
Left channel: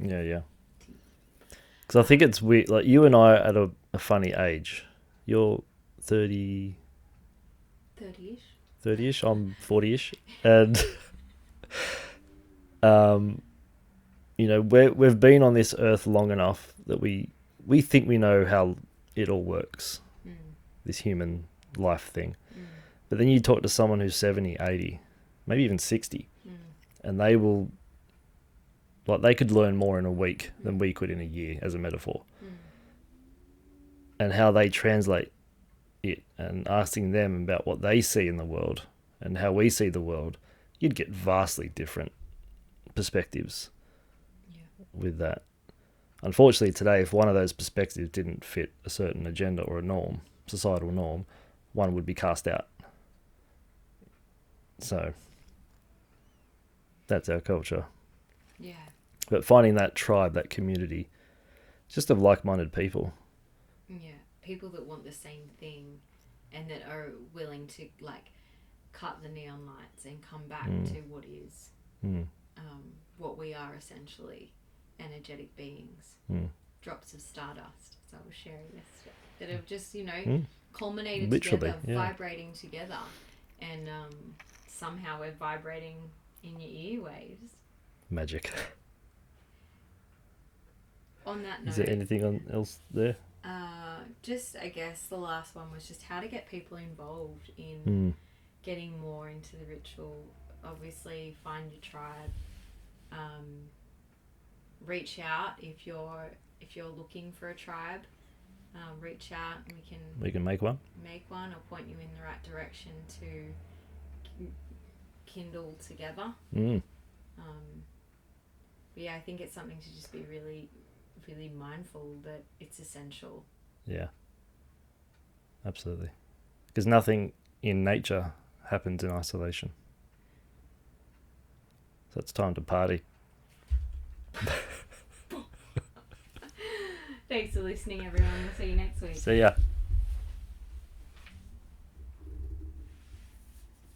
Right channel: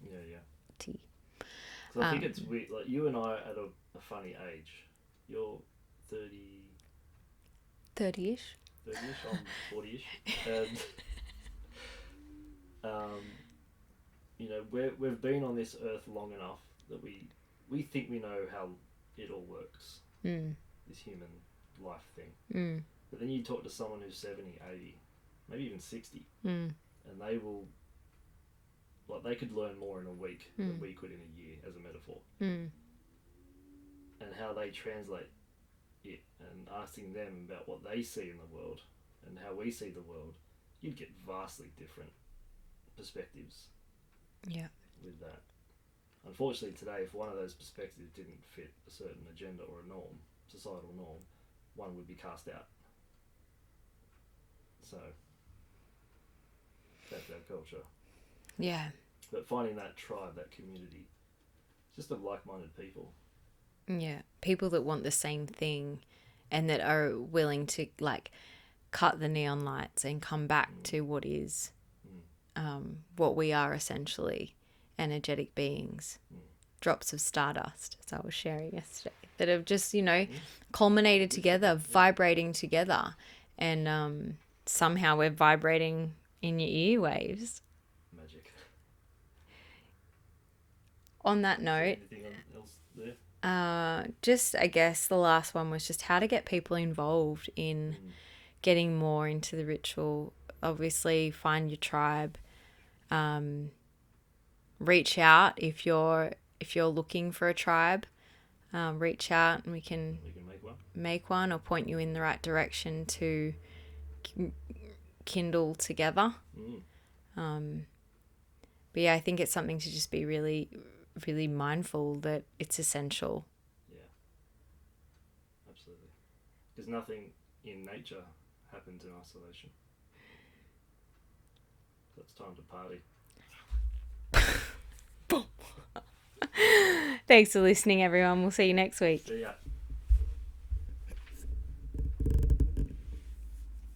Yeah. Because I think it's weird. Like, you and I are at a funny age. You're 30... 30-ish. 30-ish. I'm 40-ish. And... we've been on this earth long enough that we think we know how it all works, this human life thing. But then you talk to someone who's 70, 80, maybe even 60, and they will, like, they could learn more in a week than we could in a year, as a metaphor. And how they translate it, and asking them about what they see in the world and how we see the world, you'd get vastly different perspectives. Yeah. With that. Unfortunately today, if one of those perspectives didn't fit a certain agenda or a norm, societal norm, one would be cast out. So that's our culture. Yeah. But finding that tribe, that community, just of like-minded people. Yeah. People that want the same thing and that are willing to, like, cut the neon lights and come back to what is. What we are essentially, energetic beings, drops of stardust, as I was sharing yesterday, that have just, culminated Literally, together, vibrating together, and somehow we're vibrating in your earwaves. Magic. On that note, is there anything else there? Just, I guess the last one was just how to get people involved in getting more into the ritual. Obviously, find your tribe. Reach out if you're looking for a tribe. Reach out and we can make one or point you in the right direction to kindle together. But yeah, I think it's something to just be really, really mindful that it's essential. Yeah, absolutely. Because nothing in nature happens in isolation. So it's time to party. Thanks for listening, everyone. We'll see you next week. See ya.